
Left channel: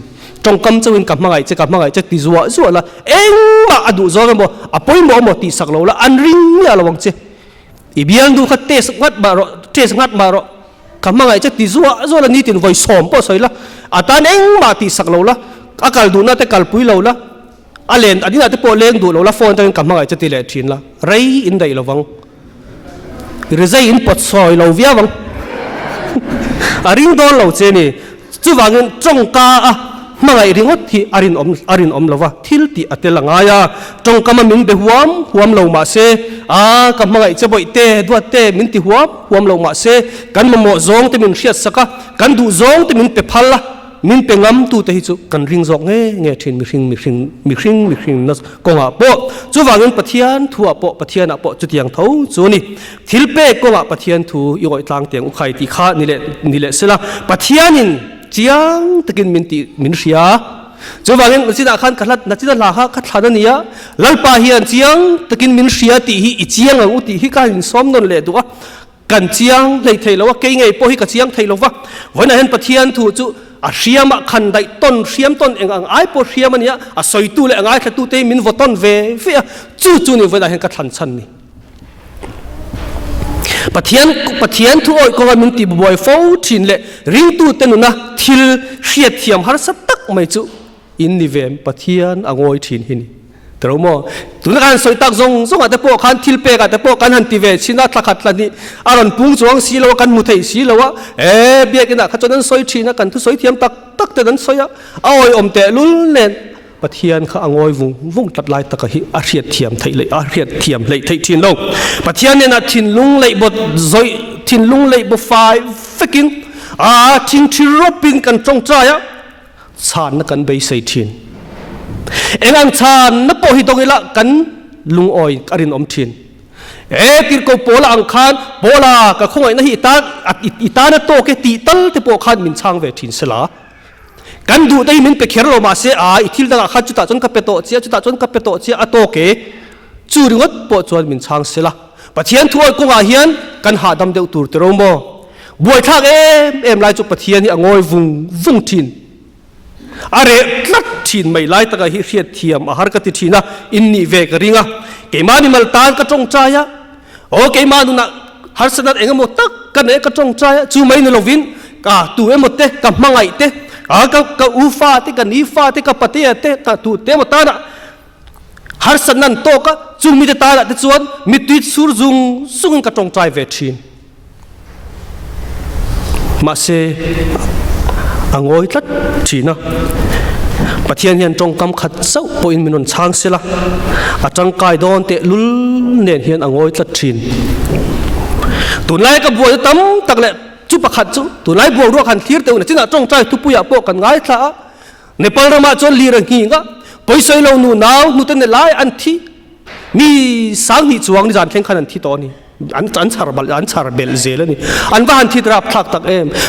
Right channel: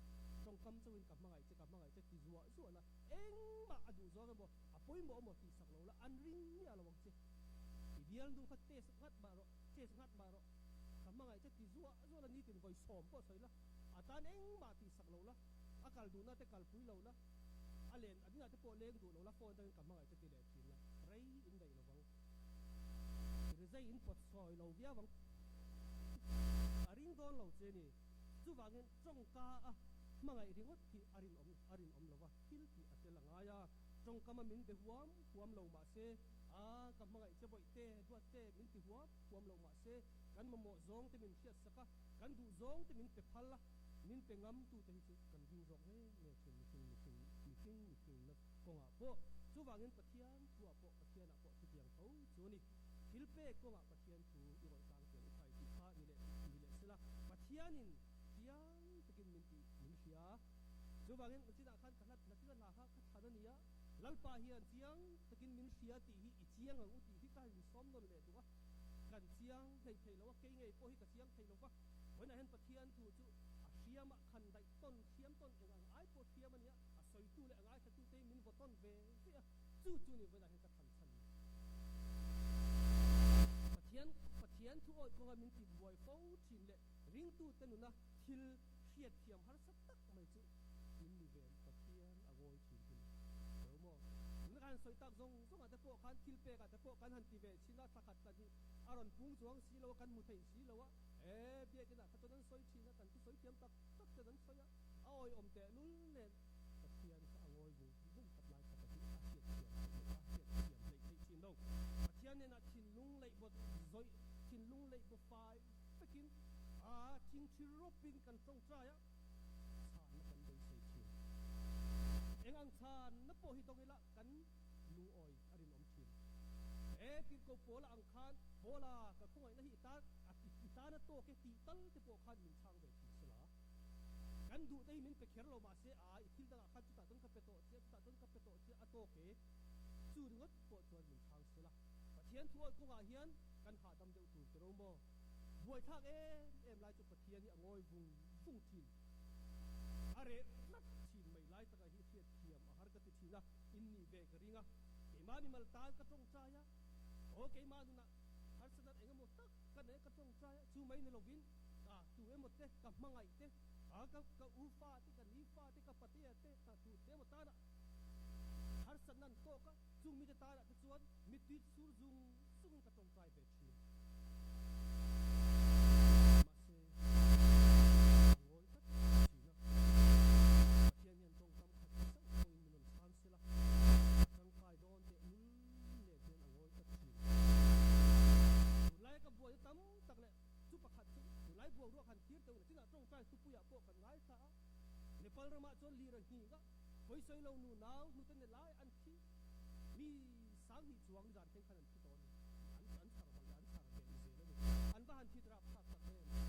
trong kam chawin kamangai cha ti zuwa la engma adu zo mo apoi mo ti saklo la anring ya lawang che ibiang du khat tes ngat maro kamangai cha ti zuwa la ni tin voi som po soila atan engma ti saklo la akal du na te kal pui lo la alen adina te po leng du lo la phone tan kamangai cha ti le thin la rei in dai lawang rezai in pot soi lo via wang aring don lo che ni chu wangin trong ka a mangai ringot hi arin om lova thil ti atelangaya tong kama min be huam lo ma se a ka mangai cheboi te duat te min ti huam lo ma se kan mo zong te min riat saka kan du zong te min pe phalla min pe ngam tu te hi chu kan ring zok nge thin mi hring na ko nga po chu wangin pathian thu a po pathian a po chu tiang tho chu ni thil pe ko nga pathian thu yoi tlang teng u khai ti kha ni le sela pathianin chiang takin min ria chu wangin china khan khalat na china la ha khathana nia lalpa hian chiang takin min ria ti hi chiang ang uti hi ka in som non le duwa กันเชียงเลยเทลว่าเกยไงพอให้กับเชียงเทลว่าวันนั้นปะเทียนถูจูอาเชียมขันได้ต้นเชียมต้นเองไอ้พอเชียมันเนี้ยอาสอยตู้เลยไอ้ขัดตู้เตมินวต้นเวฟีจู่นี่วันนั้นก็ทันชันนี่ปะเทียนทุกอยก็ว่ามินตีบอยฟ้าชินเลยริงตู้เตนุนะทิลเชียเทียมหาสัตตักไม่จู่อินนิเวมปะเทียนอ่างอยชินหินแต่เราโม่ตุนการสอยตักซงอาจจะพวกขันทิลเปกอาจจะพวกกันหันตีเวชินัดทักขัดละนี่อารมณ์ปุ่งจวงสีเรากันมุทัยสีเราว่าเบียกันนะขจรนั้นสอยชินนะกันทุสอยเทียมตักแต่นั้นสอยเอาไอ้อมเตลุลเล่นปะเทียนข้าอ่างอยวุ้งตัดลายตะกะหิอาเรียดเทียมไทยเลยอาเรียดเทียมเลยไทยทินลงปะเทียนเนี่ยนะทินลุงเลยบดซอยทินลุงเลยบดไฟฟิกินทินที่รบปินกันจงใจชาญนักกันไปใส่ทินเอ็งอันชาญนับพอหิตรงนี้ละกันลุงอ้อยอรินอมทินติดกับโปลาอังคารโปลากับคงไอ้นั่นอิตาเนี่ยโตแกตีตัลที่โปขันมินช่างเวทินสลากันดูได้มินไปเขียนเรามาเสียอิทิลดังขัดจุดตาจนกับเป็ดโตเสียจุดตาจนกับเป็ดโตเสียอโตเกจูริวัดปวดจวนมินช่างเสละปะเทียนทั่วกงอาเฮียนกันหาดำเดียวตูร์เตโรโมบวยทักลายจุปะเทียนนี่อ่างอยวุ้งทินอะไรลัดทินไม่ไล่ตะกะฮิเรียดเทียมอาหารกติทินะอินนี่เวกริงะเกมานี่มัลตานกระจงใจอะโอเกมาดูนะฮาร์สนัดเองหมดตักกันเองกระจงใจจูไม่ในโลวินกะตัวเองหมดเตะกับมังไอเตะกับอูฟ้าเตะกับนีฟ้าเตะกับปะเตะเตะกับตัวเตะหมดตานะฮาร์สนันโตกะจูมีเตตาละเตจวนมีติดสูรซุงกระจงใจเวทินมาเซอ่างอยลัดทีนะปะเทียนเฮียนจงกำขัดเจ้าปอินมินุนช้างเสละอาจังกายโดนเตะลุลเนียนเฮียนอ่างอยลัดทีนตุนไล่กับบัวตั้มตักเละจุปะขัดจุตุนไล่บัวรัวขันทีร์เตอุนจิน่าจงใจทุปุยาโปกันง่ายท่าในปรมาจนลีระหิงะไปใส่เราหนูนาวหนูเต้นในไล่อันที่มีสังหิจวงในจานแข่งขันอันที่ตอนนี้อันชาร์เบลเซลนี่อันว่าอันที่รับทักตัก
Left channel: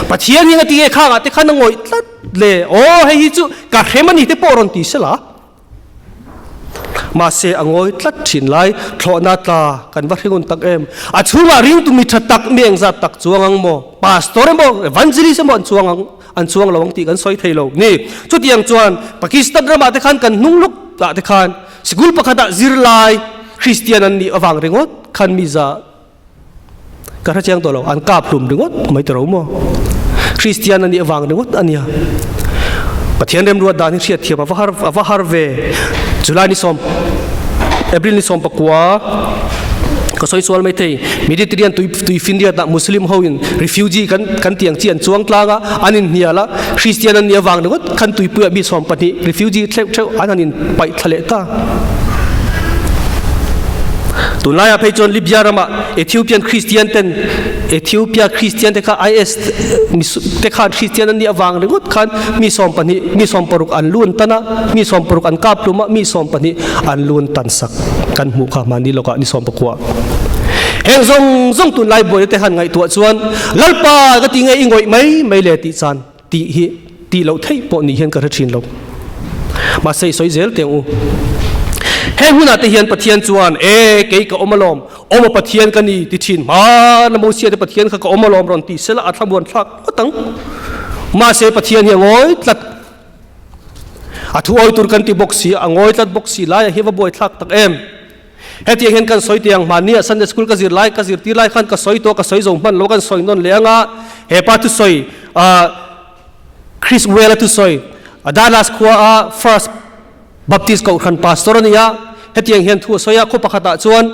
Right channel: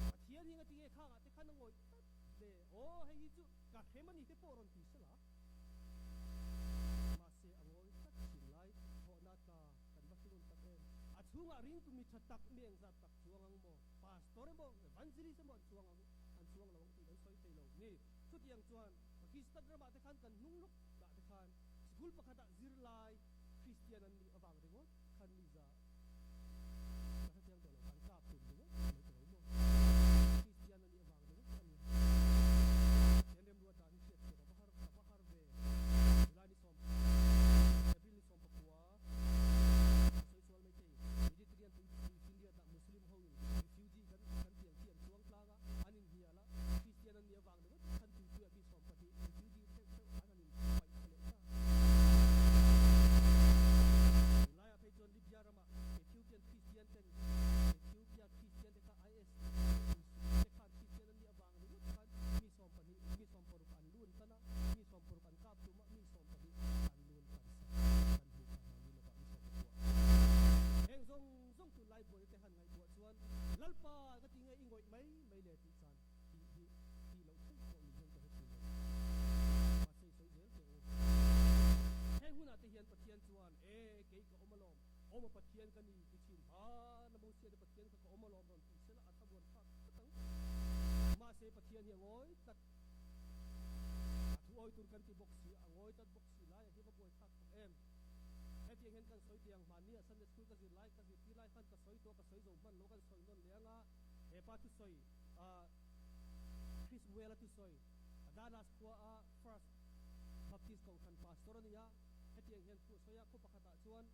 ปะเทียนยังตีเอข้างอ่ะที่ขันงอยตัดเลยโอ้ให้ฮิจูกะเขมันนี่ที่ปอรอนตีเสละมาเสอ่างอยตัดฉินไล่ทอนาตากันว่าเรื่องตักชัวริงตุมิทัดตักเมียงจัดตักจวงโมปาสตอร์โมวันจิริสโมอันจวงระวังตีกันซอยไทยโลกนี่จุดยังจวนปากีสถานระบาดที่ขันกันนุ่งลุกละที่ขันสกุลปะขัดซิรไลคริสเตียนันนี่อวังเริงดขันมิซากระเจียงตัวเราอันกาบลุ่มดึงวัดไม่ตรงมั้งคริสเตียนอันนี้วางดึงวัดอันนี้ปะเทียนเริ่มรู้ว่าดานิเชียเทียบว่าฮาร์เวจุลานิสอมเอพริลนิสอมปะกัวก็สอยส่วนไม่เทยมิดิเตเรียนตุยฟินเดียตมุสลิมเฮาอินรีฟิวจีกันเตียงเจียนจวงกลางอันนี้เนี่ยละคริสเตียนอันนี้วางดึงวัดขันตุยเปื่อมีสอมปะนี่รีฟิวจีเช่าอันนี้ไปทะเลตาตุนไล่ไปจนลิบยารามาเอธิโอเปียนคริสเตียนเต็นเอธิโอเปียคริสเตียนเทค่าไอเอสเทค่าคริสเตียนนั่นนี่วางเลยก็คันมีสอมปนิมีสอมปรุกอันล้วนตันะมีสอมปรุกอันกาบลุมะมีสอมปนิอันล้วนตันสักกันหูขามันนี่เราก็นี่สอมปกว่าเฮงซงตุนไล่บ่อยแต่หันไงตัวส่วนลัลปาก็ตีไงอิงอยไม่เลติจานตีเราเที่ยปนี่เห็นกระชินเรามาใส่สอยเจลเตียงอูเฮงหุ่นอาทิตย์เฮียนปะเทียนจวนเเกี่ยกับอมลอมปะเทียนกันนี่ติชินมาละโมเสียปะเทียนกับอมลอมรอนตีเสละอัฐบวนทักก็ตั้งมาเสปะเทียนยังงอยตัดอัฐอยตุรกันตีบกสีงอยตัดบกสีไล่เฮวบอยทักตักเเฮตีเห็นกันสอยเตียงมาเนี่ยซันเดสคูลก็จีไล่ก็จีตีไล่ขันก็สอยตัวก็สอยจงมันโลกันสอยนนเลี้ยงเฮปาตุสอยคริสเวลตุสอยดาลัสคัวfirst baptist ก็ขันพาสตอร์นี่เฮตียงเห็นทั่วสอยคู่ปะขัดจวน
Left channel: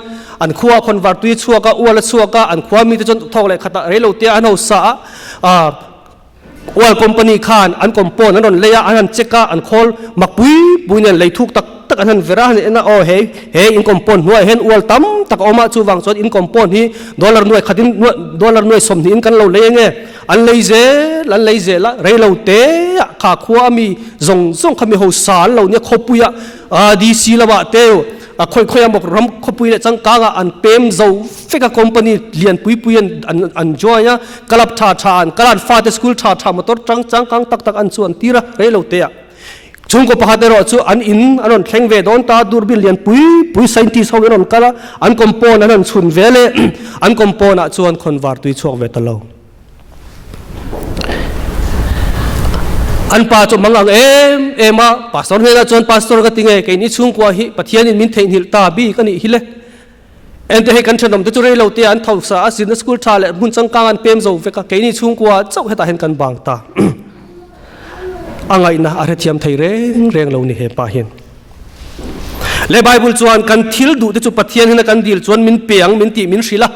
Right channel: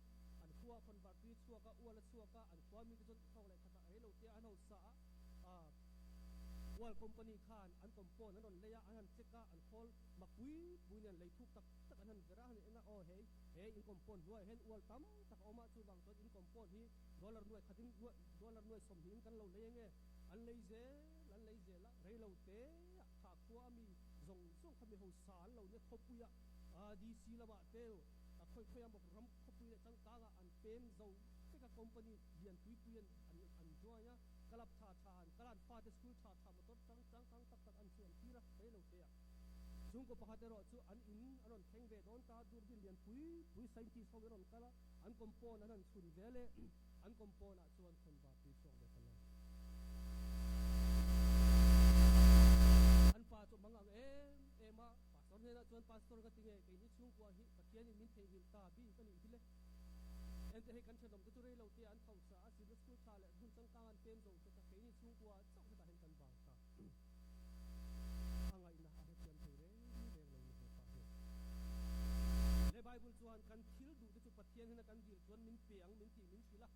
อันคัวคนวัดตุยชัวก็อวลชัวก็อันคัวมีแต่จนทองเลยขัดเรลเตียอันเอาสาอวลคอมพานีขานอันคอมโพนอันนนเลยอันเช็คอันคอลมักปุยเนี่ยเลยทุกตักอันนั้นเวลาเนี่ยนะเฮอินคอมโพนหัวเห็นอวลตั้มตักออกมาชูวังส่วนอินคอมโพนที่ดอลลาร์หน่วยขัดินดอลลาร์หน่วยสมนินกันเราเลยไงอันเลยเจละเรลเตียข้าคัวมีส่งขมิโฮสารเราเนี่ยขบุยดีซีละบะเตียวค่อยๆบอกรำขบุยเนี่ยจังกางอันเป็มเจ้าฟิกคอมพานีเลียนปุยอันจอยเนี่ยกลับชาอันกลับฟาเตสคูลชามาตัวจังกังตักอันส่วนตีระเรลเตีย chung ko pakhat ero chu an in anon thleng ve don ta durbil lian pui scientist ho anon kala an kompon anon chun vele an kompon a chuan convert tui chuak ve talo an pa chu mangang ema pastor hena chuan pastor ka tinge ke ni chung kwa hi pathian in min thein hil ta bi kani hile ente he kan thanom te chu rei lo te an thau sa asin school tha le mun chang kang an pem zo ve ka ke ni chung kwa chau heta hen kan bang ta angai na are thiam thei reng lo ni he pa hin le bible chuan kan thil du te chu pathian hena kan dil chuan min peang min ti min hrila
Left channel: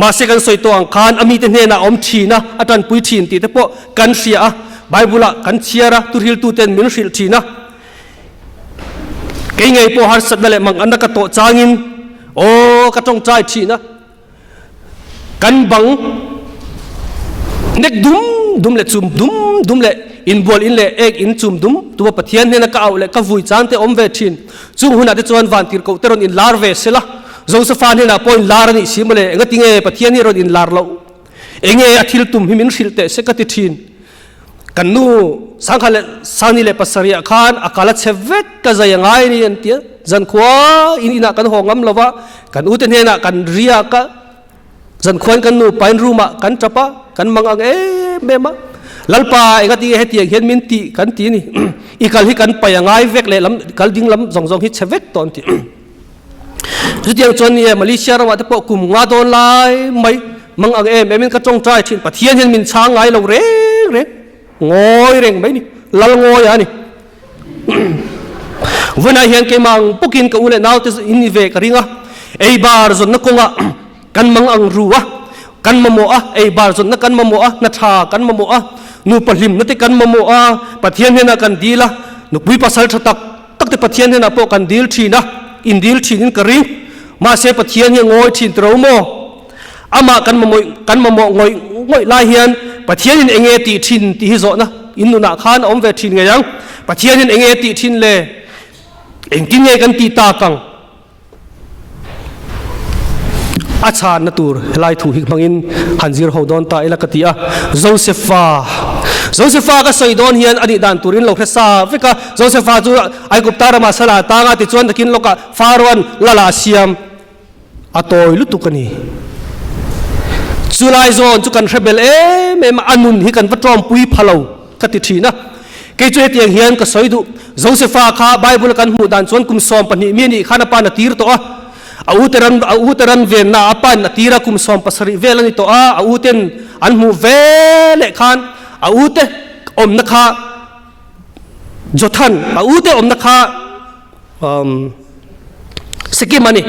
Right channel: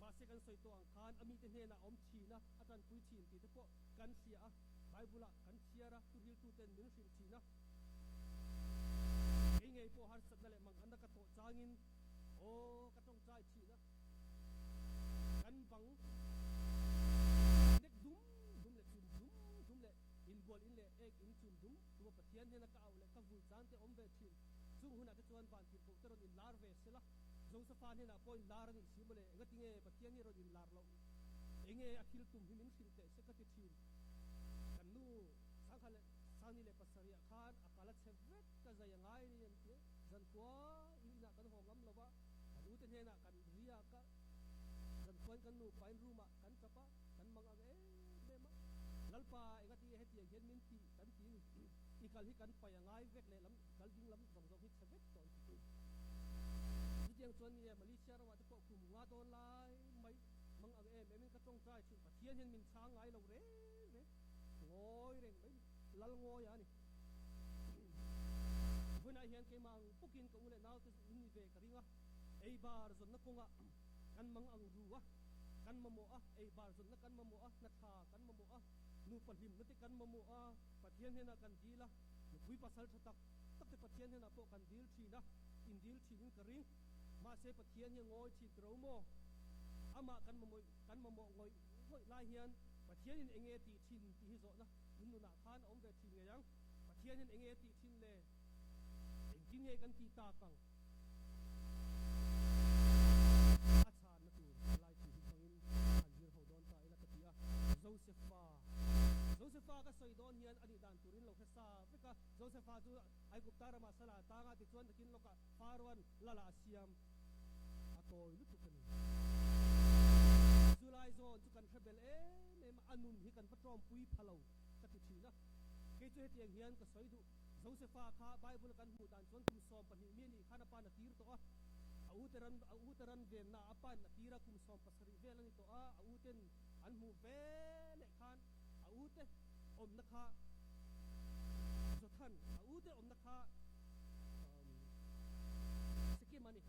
ma se kan soi to ang khan ami te hne na om thina atan pui thin ti te po kan ria bible a kan chiara tu hil tu ten min hril thina ke ngai po har sat le mang an ka to changin o ka tong chai thina kan bang nek dum le chum dum le in bol in le ek in chum dum tu pathian ne na ka au le ka vui chan te om ve thin chung huna te chuan van tir ko teron in lar ve sela josephan ne na point lar ni simole ngatinge pathian ni ron in lar lo enge athil tum hi min hril te se ka ti thin kan nu sangkhale sani le pasaria khan akala chevet ka zayangai ni an tia zan khwa in ina kan hongam lova kan uten ne na kan ria ka zan khwan kan nu pain ruma kan chapa kan mangang mema lalpa engati hetiang hian min ti kan ti ni ikal hi kan payangai vek le lam kal ding lam zong hi chevet ton ti zutiang chon ni malaysia rawa te po kum nga don lai mai mangang min ka chong trai thin pathian hian min chang ngai lo re ngoi reng mai ni lal ngoi ani vana hian ke mang pukin ka ule naw te in ve ka ringa ei bar zon na konga kan mangang ruwa kan mamo ei bar zon na kan mamo na tha kan mamo nu pahlim na te kan mamo pathian hena kan dila nu pui pasal thatak tak te pathian hena po kan dil thina in dil thin in kari ma se pathian he ngoi thin tro mo ama kan mamo ngoi lai hian pathian in enge ti thin ti hi zo na in nu na khan om ve thin nge yang pathian in enge ti thin le eng tin nge kan ti ta kang acha natur helai thu hi mangin hanjir hodon ta elakatia josepha ka soidon hian ani dan turin lo khesa veka josepha chu ai guptara masala ta nga ti chuan takin loka farwan lala siam atoi lutukani chulai zon chu kan rebel em anun hi kan patrom pui phalo ka ti thina ke chu hetiang hian ka soidu josepha kha bible kan hu dan chuan kum som pani mi ni khana pa na tir to auteran ven na apan atira kum som pasari velani to auten anmu vele khan aute om na kha jothan aute om na kha sikimani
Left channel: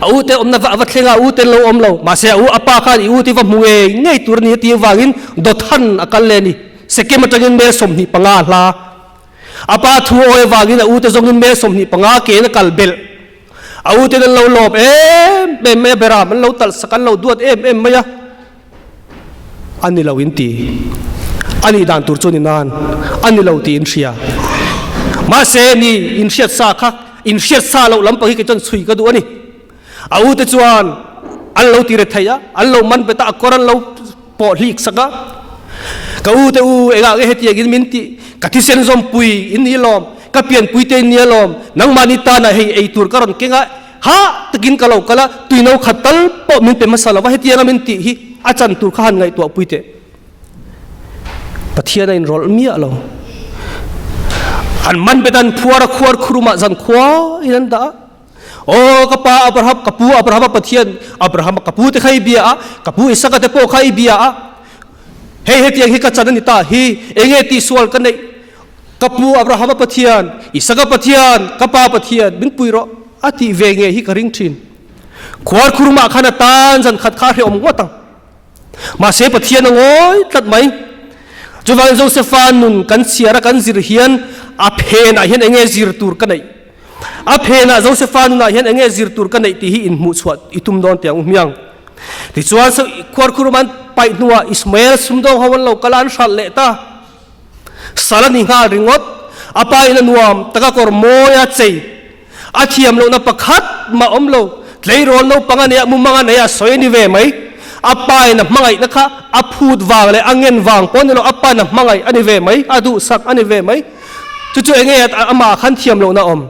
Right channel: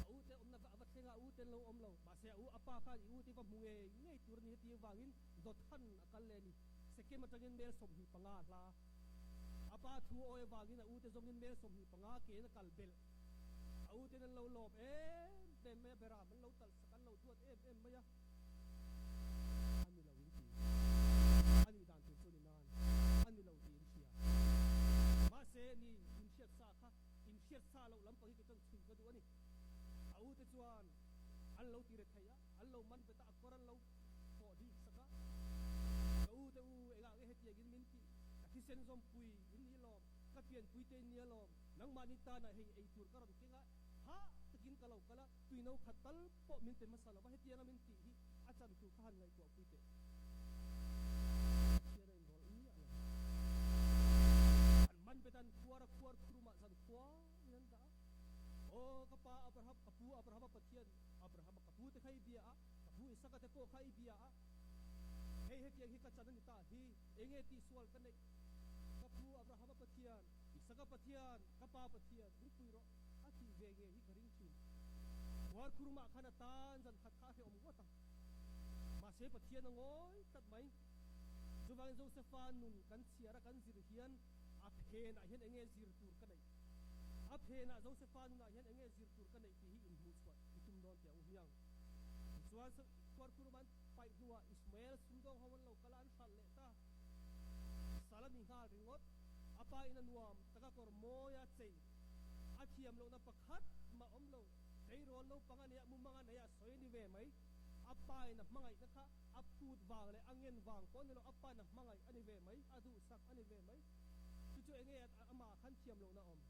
aute om na va thlenga aute lo om lo ma se au apa khan iuti va munge ngei turni ti wangin dothan akalleni sekimatangin me somni panga hla apa thu oi wangin aute zongin me somni panga ke na kalbel aute den lo lop me bera man lo tal sakan lo duat maya ani lo inti ani dan tur chuni nan ani lo ti in ria ma se ni in siat sa kha in siat sa lo lam pa hi ke chon sui ka du ani aute chuan an lo ti re thaya an lo man beta koran lo po lik saka ka ute ega ge heti gin minti ka thi sen zom pui in ni lom ka pian pui te ni lom nang manita na hei ei tur karon kenga ha takin kalau kala tuino khatal po min pe masala wa heti min ti hi achan tur khan ngai to pui te pathian in rol mi alo an man betan phuara khuar khuruma zan khwa inan da o kapa abraham pathian abraham kapu te khai bia kapu isaka te po khai bia hei heti hi ka chanani ta hi enge ti sual kan nei kapu abraham pathian isaka pathian kapa pathian bin puiro ati venge hi karing thin khwar khuruma khana tan jan khat kha om ngotang ma se pathian ngoi tat mai chuwang josephan nun kan siara kan zir hian a phena hian enge zir tur kanai a phena josephan na hian enge zir tur kanai ti hi in mu chhuat itum don tiang miang ti chuan so khwar khuruman pai nuwa ismail sumdong hawan lo kalan shal le ta salani nga ringot apa ina nuam taka kor moya chei athiam lo na pakhat ma omlo tleirol no pangania mumanga na ya soini ve mai apa ina mangai na kha aphut wang le angen wang pon lo apa na mangai ani ve mai adu sak ani ve mai จู่ๆเองอามาขันเทียมโลนะอม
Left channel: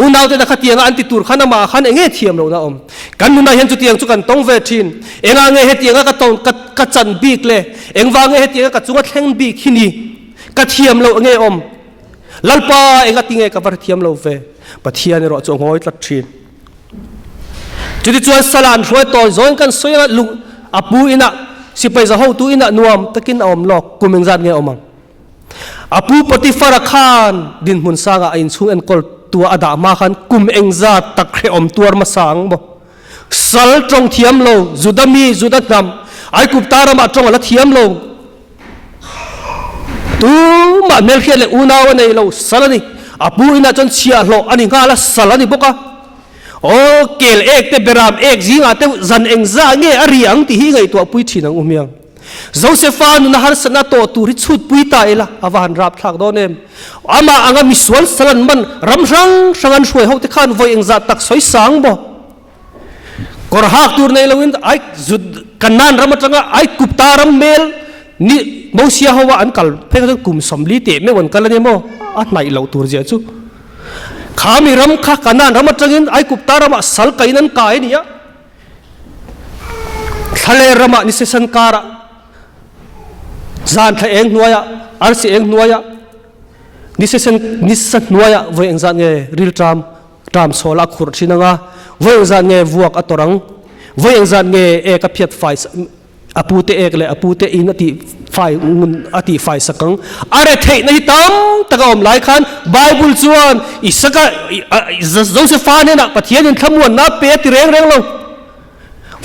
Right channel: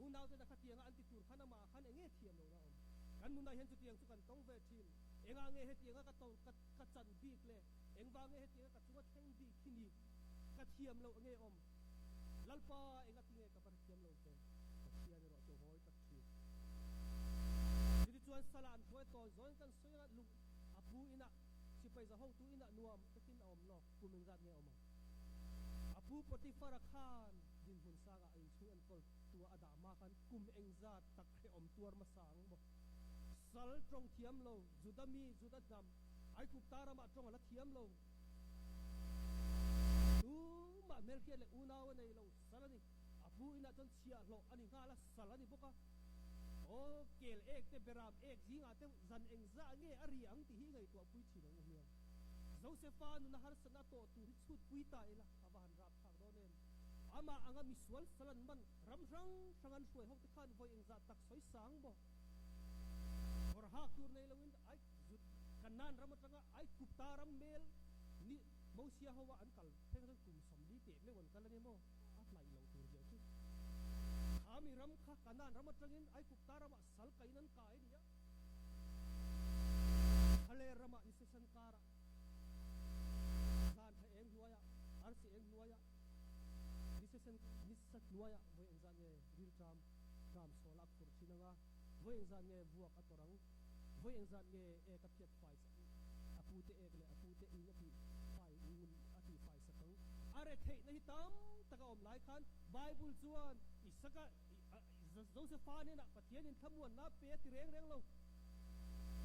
อุณาวแต่ขัดเตียงอันติตูร์ขันอามาขันเองเทียมโลนะอมกันนุนายเห็นจุดเตียงจุกันต้องเวทินเองเงเตียงก็ต้องกัดจันบีกเลยเองวางเตียงก็จุกัดแข่งบีกที่นี่กัดเทียมโลเงอมลัลปาเองก็ติงกับเทียมโลเวปะเทียนรอจงหอยตัดทินจุดที่จวนสลานช่วยต่อจนกันสวยลุงอาปูอินะสิไปจะเข้าตัวอินะนวมตะกินอมหลอกกุมเองจัดเงอมังอาปูปฏิฟารคานดินมุนสางอินซุงเอ็นกอลตัวอดามาขันกุมเองจัดตะเครอมตัวมาสังบ่สัลตรงเทียมโลจุดมีจุดนำไอกุบตารามาตรงละเทียมโลตัวมาเมลเคียเลอุนาวในโลสัลนี่อาปูอินะจนเชียโลอันนี้ก็ละสัลนี่บุกะโอ้เกลเอกเตเบรามเอกจิงอาเตจันเองซ่าเงอริยังที่หิไงตัวปุยชินังอุเมียงโจเซฟานุนหารสนาโตตูริชุดปุยตายละอาวานรับทักโดนเอ็มอามาอังมิสวนสลันมันรำรังสังกันช่วยเขาที่ขันไว้เองจัดตักสวยสังบ่กอร์ฮักตูร์ในลวินไอจุดกันนันรำจังไอกุปตารำเมลนี่มองเสียหัวอันกัลเพื่อจะกุมสมลิเตไม่วันกันแล้วเนี่ยโมอันไหนเหล่าตูร์เจ้าจูข้ามีรำข้ากันนันรำจังอินไอกุปตารำสัลกัยนันกายเนี่ยทะเลรำนิสสันการะจานทะเองนัวยะอาร์ซีเองนัวยะนิสสันนัวยะวัยเองจานเงริลตรามโซลาขุดชินังะวัยเองจานเงวัวกัตรังวัยเองจานเงเอกพิษไฟอปูเตเอกเลยอปูเตอินอติไฟมุนอติไฟสักังอะไรเทนในตั้มตะกอมหลายคันไบเบิลจวนอิสกะโจเซฟาเนี่ยนะปะเทียนขมวนนับเปติเร่งลง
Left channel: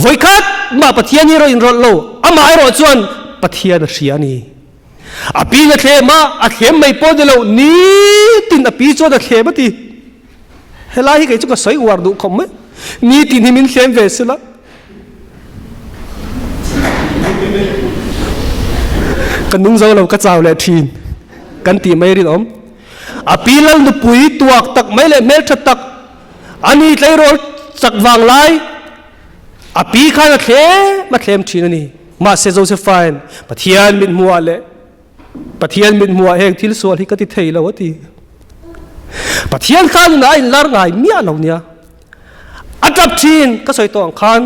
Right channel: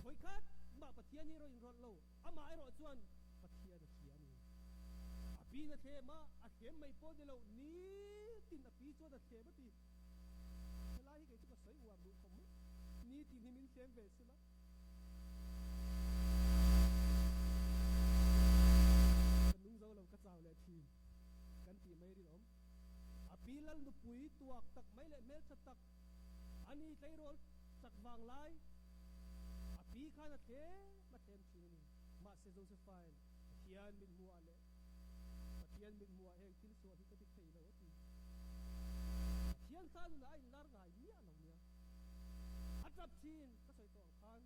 วัยคัดมาปะเทียนนี่เราอินรถโลอามาไอรอจวนปะเทียนเสียนี่อปีนเทมาอเขมไม่พอเดลวนี่ตินอปีจวนอเขมตีเฮลาฮิกไอจุกสายวาร์ดูคอมไหมนี่ตินหิมินเขมเวสละกันนุ่งเจ้าเราก็เจ้าเลยทีนกันตีไม่รินอมอปีลังดูปุยตัวตักไม่เลยเมลชัดตักอันนี้ไลโรสักวางไลอปีข้าเขมาเขมทีนนี่มาเซโจเซฟานปะเทียนมินมัวเลยปะเทียนมินมัวเองที่ส่วนที่ก็ติดเทยแล้ววะทีปะเทียนข้าหน้าอินลาร์ไงเมียเราเนี่ยอัจฉริยก็ใส่ตัวขัน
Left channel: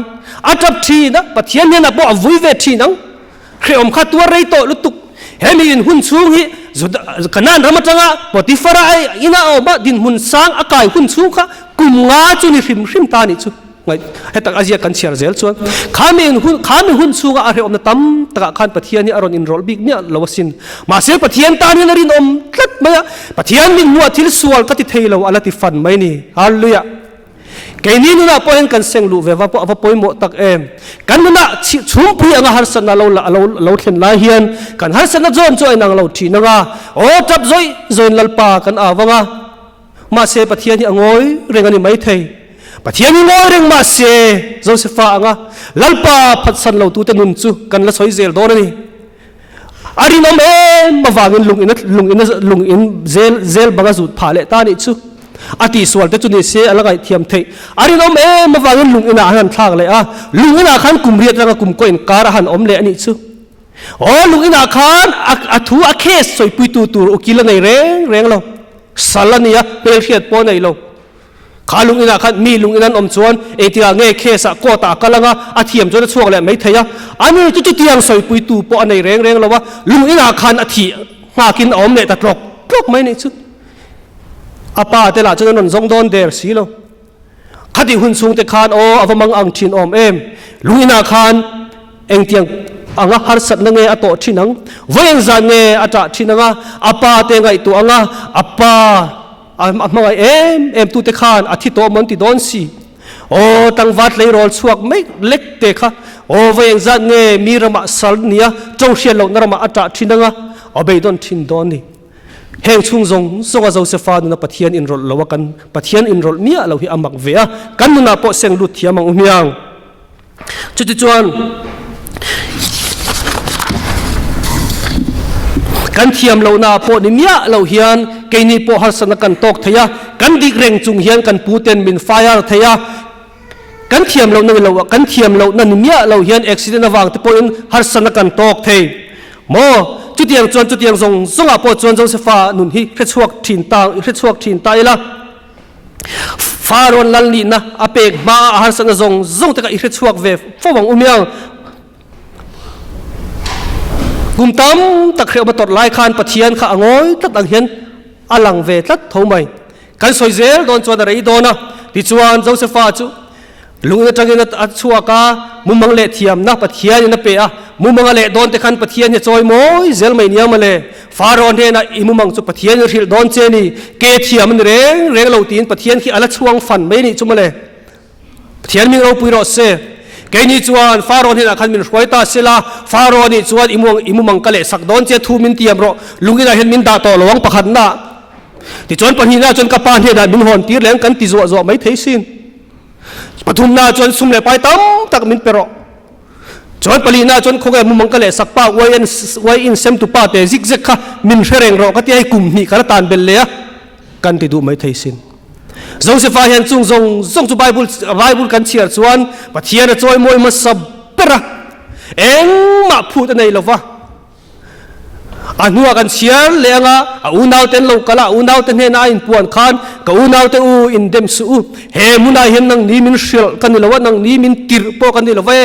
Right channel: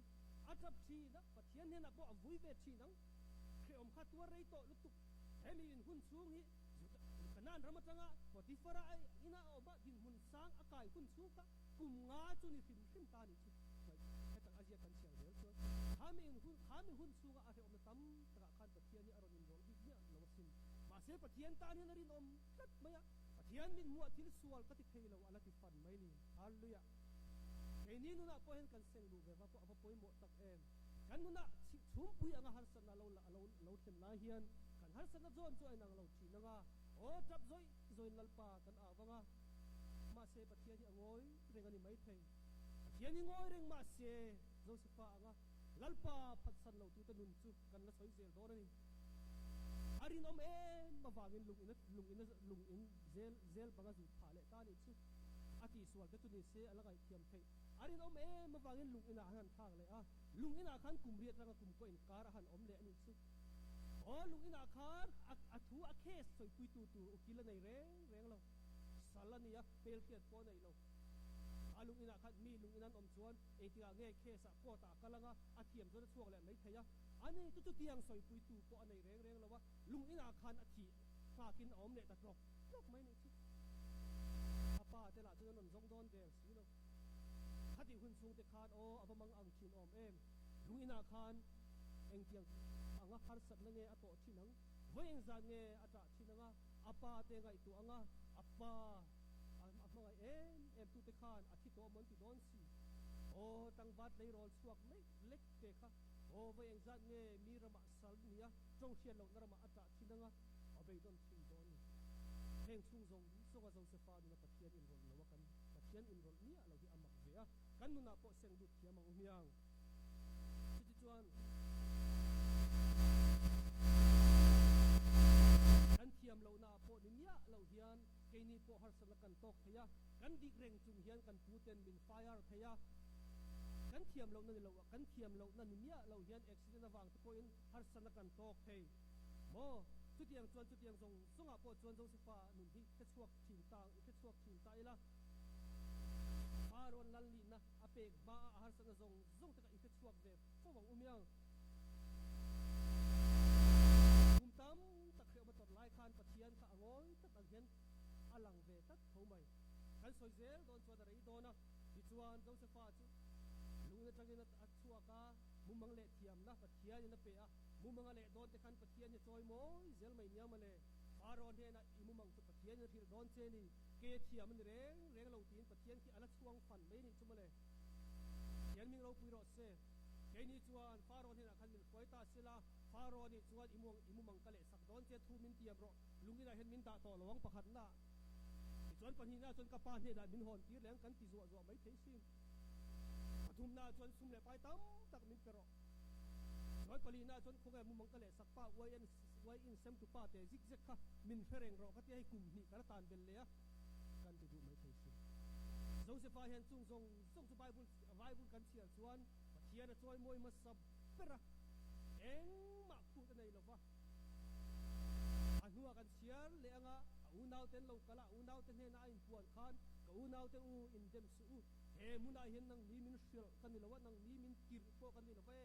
อัจฉริยนะปะเทียนเนี่ยนะบอกวุ่ยเวทีนังเคยอมขัดตัวไรโตลุตุกเฮมินหุ่นสูงฮิจุดขนาดรำจังอ่ะปฏิฟราไออินาเอาบ้าดินหุ่นสร้างอากาศหุ่นสูงค่ะกุมงาจุนี่ริมตานี่จุให้ตักอาเซียกันเชียร์เซลชวนข้ามีหุ่นสูงอะไรอมนะตั้มตักขันปะเทียนนี่อารมณ์อินโรลบิกเนี่ยลาวสินมาเสียปะเทียนตานี่นรินอมตัดมาปะเทียนมินมัวทิลสวลก็ติดเทลาวอะไรติฟันไม่นี่ฮัลโหลยะแกนี่นู่นน่ะพอเห็นกันเสียงลูเวว่าพอพอยหมดตักเอ็มกันนู่นน่ะชุ่มพี่อ่ะฮัลสันน่ะเราเห็นลายเฮียนกันฮัลสันน่ะจอยนางเราทีน่ะโอ้จับจอยลัลปากันว่าไงมาเสียปะเทียนนี่อ่ะงอยเรื่องอันนี้ไม่เทปะเทียนนี่งอยเรื่องมาเสียโจเซฟอ่ะลัลปาพัดสันเราตัวเต็นุนจูกันละสอยเซลโดนนี่อารินอมเอ็มมาวางลุงอินเซลบังจุดผ่าเลตานี่จูอาทิสวลแต่จุดนี้เสียอะไรกันเทียมเทอารินอมเอ็มมาวางลุงอินอาหันทางเลยลุงอินอาขันกุมเรียดแล้วกุมก้อยการหันอมเลนี่จูโอ้ลุงอินอาขันทูอาเคสสวยปุยตูอุกิลในเร่งเราสัลนี่เปลเทียดปนในเราขาลุงอินอาขันมีลุงอินันอมชวนที่เงยเคสโคตากำลังอาเทียมจนช่วงเลยไม่เทียอันนี้จุดที่ยังสวยปุยตูปนในเร่งเราว่าลุงอินอาขันอาทิหากินอมเลยแต่ตรกไม่นี่จูอาป้าแต่ละจนนนจงโดนเดร์สีโลคดีหุ่นสูงแต่คานโออวมังอังชินอมเอ็มลุยนาคานเองเตียงอังฮาร์สัตนังเงอโตชินังเวงจานเงอจ่าชินังอาป้าเตงไอตัวอังอาป้ามังเอ็มตุแต่คานอาทิตย์โตมันติดโดนสีโอ้ตั้งวัดเลยรอลสวกไม่เล็กเตะค่ะโอ้เวงจานเงมีรมาสัลเนียจงเชียร์เรานรมาจ่าชินังเอาไปโดนชินโดนนี่เฮงชุงจงโจเซฟานุนปะเทียนอินโรลละกันปะเทียนอินโรลเมียเราหิอามักเวียกันนุนปอเซงลุดเทียมังอุเมียงจุดจวนกันเทียมเรานาปอนิเมียเราเฮียนเกนีปอฮัสนกันตอกเทียกันดิเร่งจุงเฮียนกันปูเตนบินไฟร์เทียกันเทียมเรานั่นเรากันเทียมเรานั่นเมียเราเฮียนอุบิเหตุระหว่างที่ปออินฮัสนกันตอกเทีย โมจุดเตียงจวนจุดเตียงทรงอาปอจวนโจเซฟานุนฮิเรชวกถินตาเรชวกถินตาละฟาโรนลันลีนะอาเปกมาอาหารสันทรงแต่ก็เรชวกเวฟวังอุเมียงกุมตั้มตะเขียวมาตดลายคานปะเทียนข้าอ่อยตัดอังเห็นอลังเวตัดเท่าไหมกันสวยเซลโดนจวนอะไรโดนนะดิจวนโจเซฟาจูลุงจะกินอัดชัวกามุมังเละเทียมนะปะเทียนนะเปียมุมังเละโดนแต่ขันปะเทียนเนี่ยจอยโมยเซลไม่เนียมาเลยฟาโรนเฮนะอิมุมังจุปะเทียนริลโดนเจนี่เกเทียมันเร่งเหล่าตีนปะเทียนขี้อัลช่วงฟันไม่นี่จุมาเลยปะเทียนมีเราปุยรอเซเกนี่จวนฟาโรนเฮนะขันมินรวยตาเซลาฟาโรนนี่จวนอิมุมังกะเละสักโดนเจทูมินเตียมรอลุงนี่นะเห็นมินดาต่อหลวงปะขันนะที่จวนปะฮีนะจนกระปานเฮนะมินหอนตีแรงกันติจัวไม่เทสินปฐุมนาจนสุมเลไปตั้มตักมินเปรอจนปลีนาจนคงไอ้มุมังกะเลสักป้าไว้อินเซมตุป้าเตซิกเซกค่ะมินเชรงรอก็ที่ไอ้กลุ่มนี้กันตานเบลเลียกันติดูไม่ไทยสินโจเซฟาเห็นจุงจุไบเบิลกันเชียร์ชวนปะเทียนจอยมวยมาสับเประเอ็งมาพูดในละวะอันหัวกันเชียร์เลี้ยงอ่ะอุณาวเต็นโลกละอุณาวเต็นเฮน่าอินปวนขันกับอุณาวเต็นอินเดมสูเฮมุนาเห็นนังนี้มินเชลกันนี่ละวะนังนี้มินติร์ปกันนี่ละวะ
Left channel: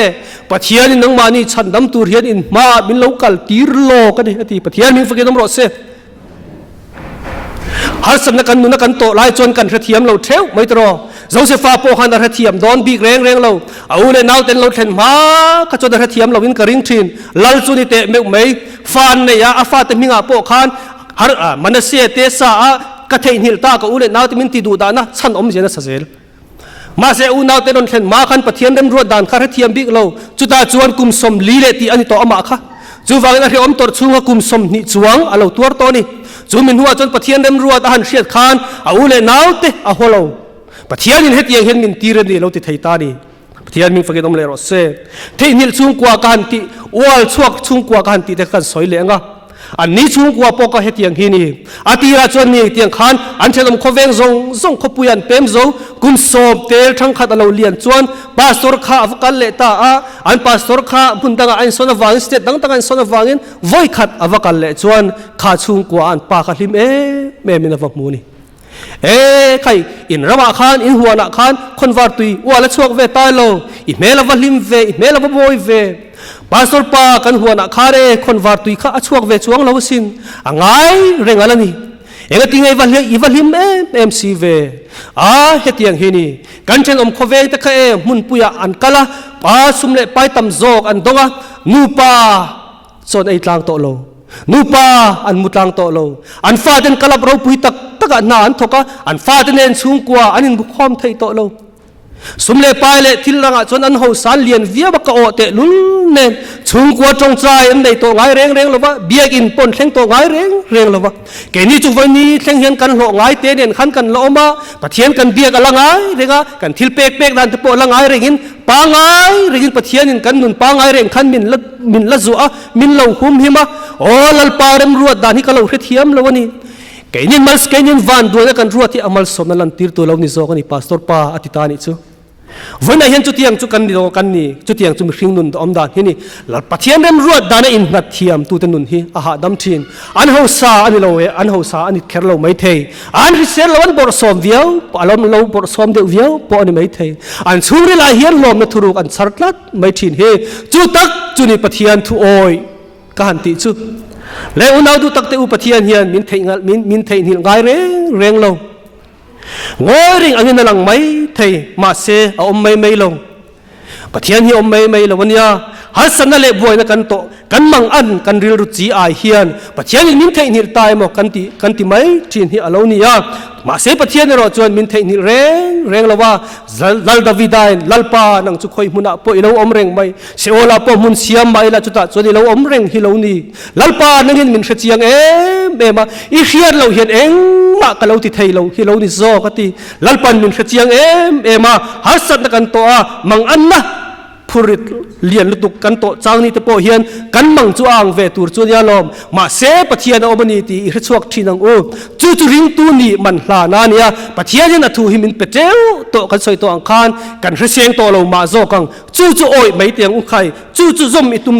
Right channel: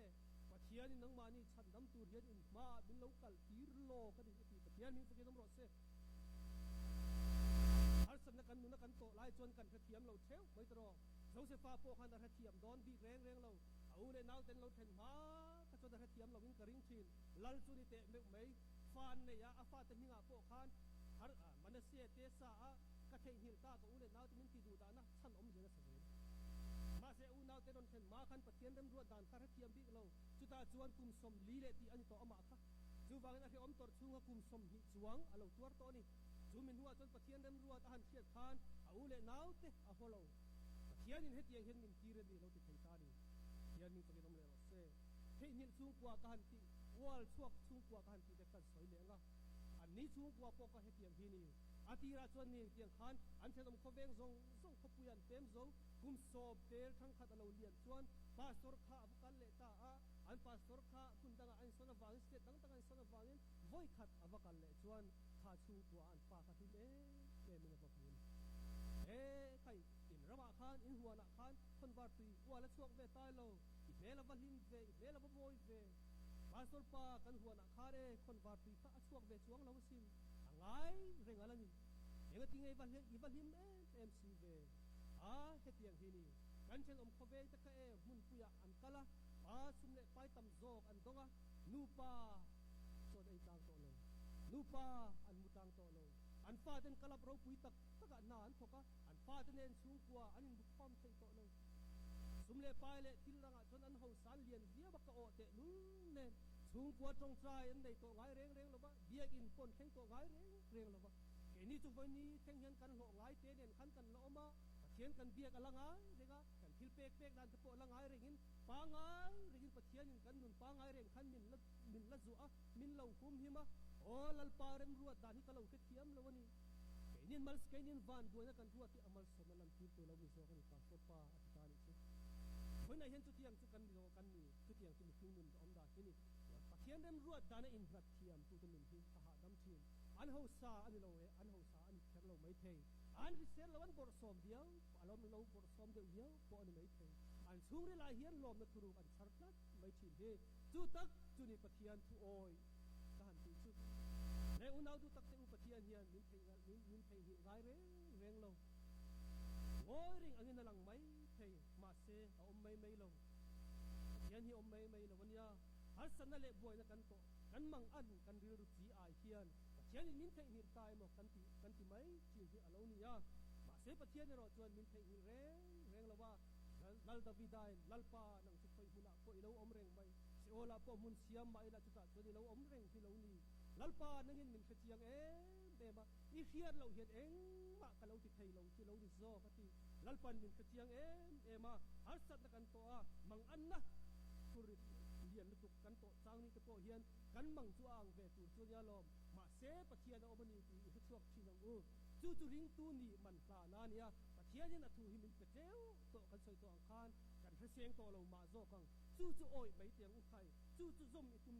ปะเทียนนังมานี่ฉันดำตัวเฮียนอินมามินโลกัลติร์โลกันนี่ที่ปะเทียนมินฟังกันน้ำรอเซฮัสนักกันนุนักกันโตไล่จนกันระเทียมเราเท้าไม่ตรอโจเซฟาโปฮันระเทียมโดนบีกแรงเราเอาเลยนาวเต็นเราเห็นมาขจรระเทียมเราวินกระริงทินลัลจุนิเตะเมกไม่ฟันเนี่ยอาฟาเตมิงอาโปขันฮาร์มันเสียเตสากระเทยหิลตาก็อุเลนาวเตมินติดูดานะฉันอมเจนะเซลมาเสียอุนาวเตนนเห็นมาขันปะเทียนเดิมรวดดานข้าระเทียมบีกเราจุดตาจวนกุมสมลีเลตีอันนี้ต่ออามาค่ะจูฟังนะที่อมตรชุงกุมสมนิจวงอาเราตัวตัวนี้จูมินหัวจนปะเทียนเดิมรวดอาหันเชียดขันเอาเลนาวเตอาหัวเราปะเทียนเห็นยังเห็นมินตีเรนี่เราติดไทยตานี่ปะเทียนมินฟังกันอมเลรอเซ่ที่นิลชุงกว่ากันที่อวลชวกชุงกว่ากันที่เด็กกันสวยเลยงะอันนี้ชุงกว่าปอกเห็นยังเห็นนี่อาทิตย์ละจวนนี่เตียงขันอันเชลมขเวงซงขปุยันเต็มโจกุมสอบเตลทั้งขัดเราเลียนจวนปาสตอร์ข้าอฟกันเลตาอันปาสตอร์ข้าพุ่นตั้งอันสนวางสเตตั้งอันสนวางินไว้ขัดอฟกันเลจวนข้าชุงกว่าอันปาขัดลิมแม่มินฟักมูนี่ใครอินระมาขันอินหัวนักขันคนวาร์ตุยว่าละชวกเวตายโลอิเมลวัลิมเวอิเมลวับอยเวปาสตอร์ปากันหัวนักขันคนวาร์ตุยข้าชวกเวชวงลาวสินอ่างไงเร่งอะไรนี่ติงไอ้วันเลี้ยอีวันลิมMCเวเฮติยังเฮนี่กันเช่นอมขเวงตะเคมุนปุยอันกะละปาสุมเลไปตำโจกอันดงะนูปาโซนไอ้ตลางโตโลนูปาอันมุตลังโตโลอันฟาเดนกลับเราปุยตักนานทกะอันฟาเดนเองสูงกว่าอันนี้บุคคลไทยโตโลสมเลไปเลทิลรังจนอันหัวสารเลียนวิบกโอเตลุนเนสูงกว่าจงใจอันใดตัวไงเร่งเลยวะเบียกินปนเข่งตัวไงเร่งเลยวะแกนี่จุวันนี้เข่งเห็นกันหลงไงเตเนียนขันกันละอมาปะเทียนกันเบียกันละไงเร่งกันทิลเป๊กดันตะโปละไงเร่งปางไงเร่งปะเทียนกันนุนปางไงเร่งขันมินละจัวมินเหล่าหุมหิมะโอ้ลัลปาเรมรวดดานี่ก็เราเทียมละวันนี้แกนี่มันแกนี่วันด้วยกันรวดที่อามัลสมนันตีร์ตัวเรานี่โซกันนี่ปาสตอร์ปาอธิตานี่ซูวันนี้เห็นจุดที่ยังจุกันนี่ตรงกันนี่จุดที่ยังจุดริงนุนอมดานเห็นนี่หลับปัจเจียนเริ่มรวดดานอินนัดเทียมตัวเต็นนุนฮีอาหาดำทินอันหัวซาอันนี้เราอันหัวซาอันนี้แค่เราไม่เทอันที่เสร็จเราอันบอร์สอมเดียวอันเราบอร์สอมเดียวปออันนี้ไม่เทอันชูริลาเฮียนลมนัทรุกอันสารลัดไม่ทินเฮจุดตักจุนี่ปัจเจียนทุโอยกันติจุแล้วอุณาวดูตักเตอุปัจเจียนเฮียนมินเทหิลไงเร่งเรางอริงอันนี้นั่งไม่เทมาเสออมไม่ลงปะเทียนฮีอมไม่ลงวันนี้ฮัสนัลเลบวยนักกันโตกันมังอันกันริลรุจีไอเฮียนปะเทียนมินเทหิลตายหมกกันติไม่ทินฮีอโลนียมาเสปะเทียนเราจวนมินเทหิลเร่งละว่าลัลดาวิดายลัลปานังจุคอยมุนาปอยเราอมเร่งไม่เสโอลาปอมุนเสียมไม่ละจุดจวนเราอมเร่งฮิโลนีลัลปานังเห็นมินเชียงมาอีเฮียนเราเห็นมาก็เราติดไทยเราฮิโลนีโซกติลัลปันมินเชียงมาฮัสนักกันโตมังอันนะพ thurit lian lutuk kan to chang ni te po hian kan mang chu ang ve tur chu nia lom ma se pathian omani ti i chuak thinang u chu ring tu ni man hla na nia pathian in athu himin peteu to kan soi to ang khan kan hriseng to lo ma zo kang chu oi mai tiang u khai chu zom itum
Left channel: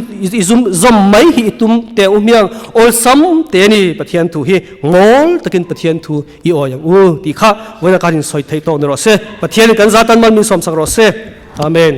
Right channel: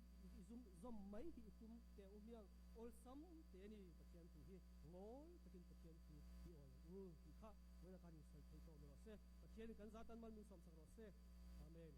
zom mai hi itum te umiang ol sam te ni pathian thu hi ngol takin pathian thu i oyang u ti kha wena kan soi thei to no se pathian kan zatan man min som sang ro se amen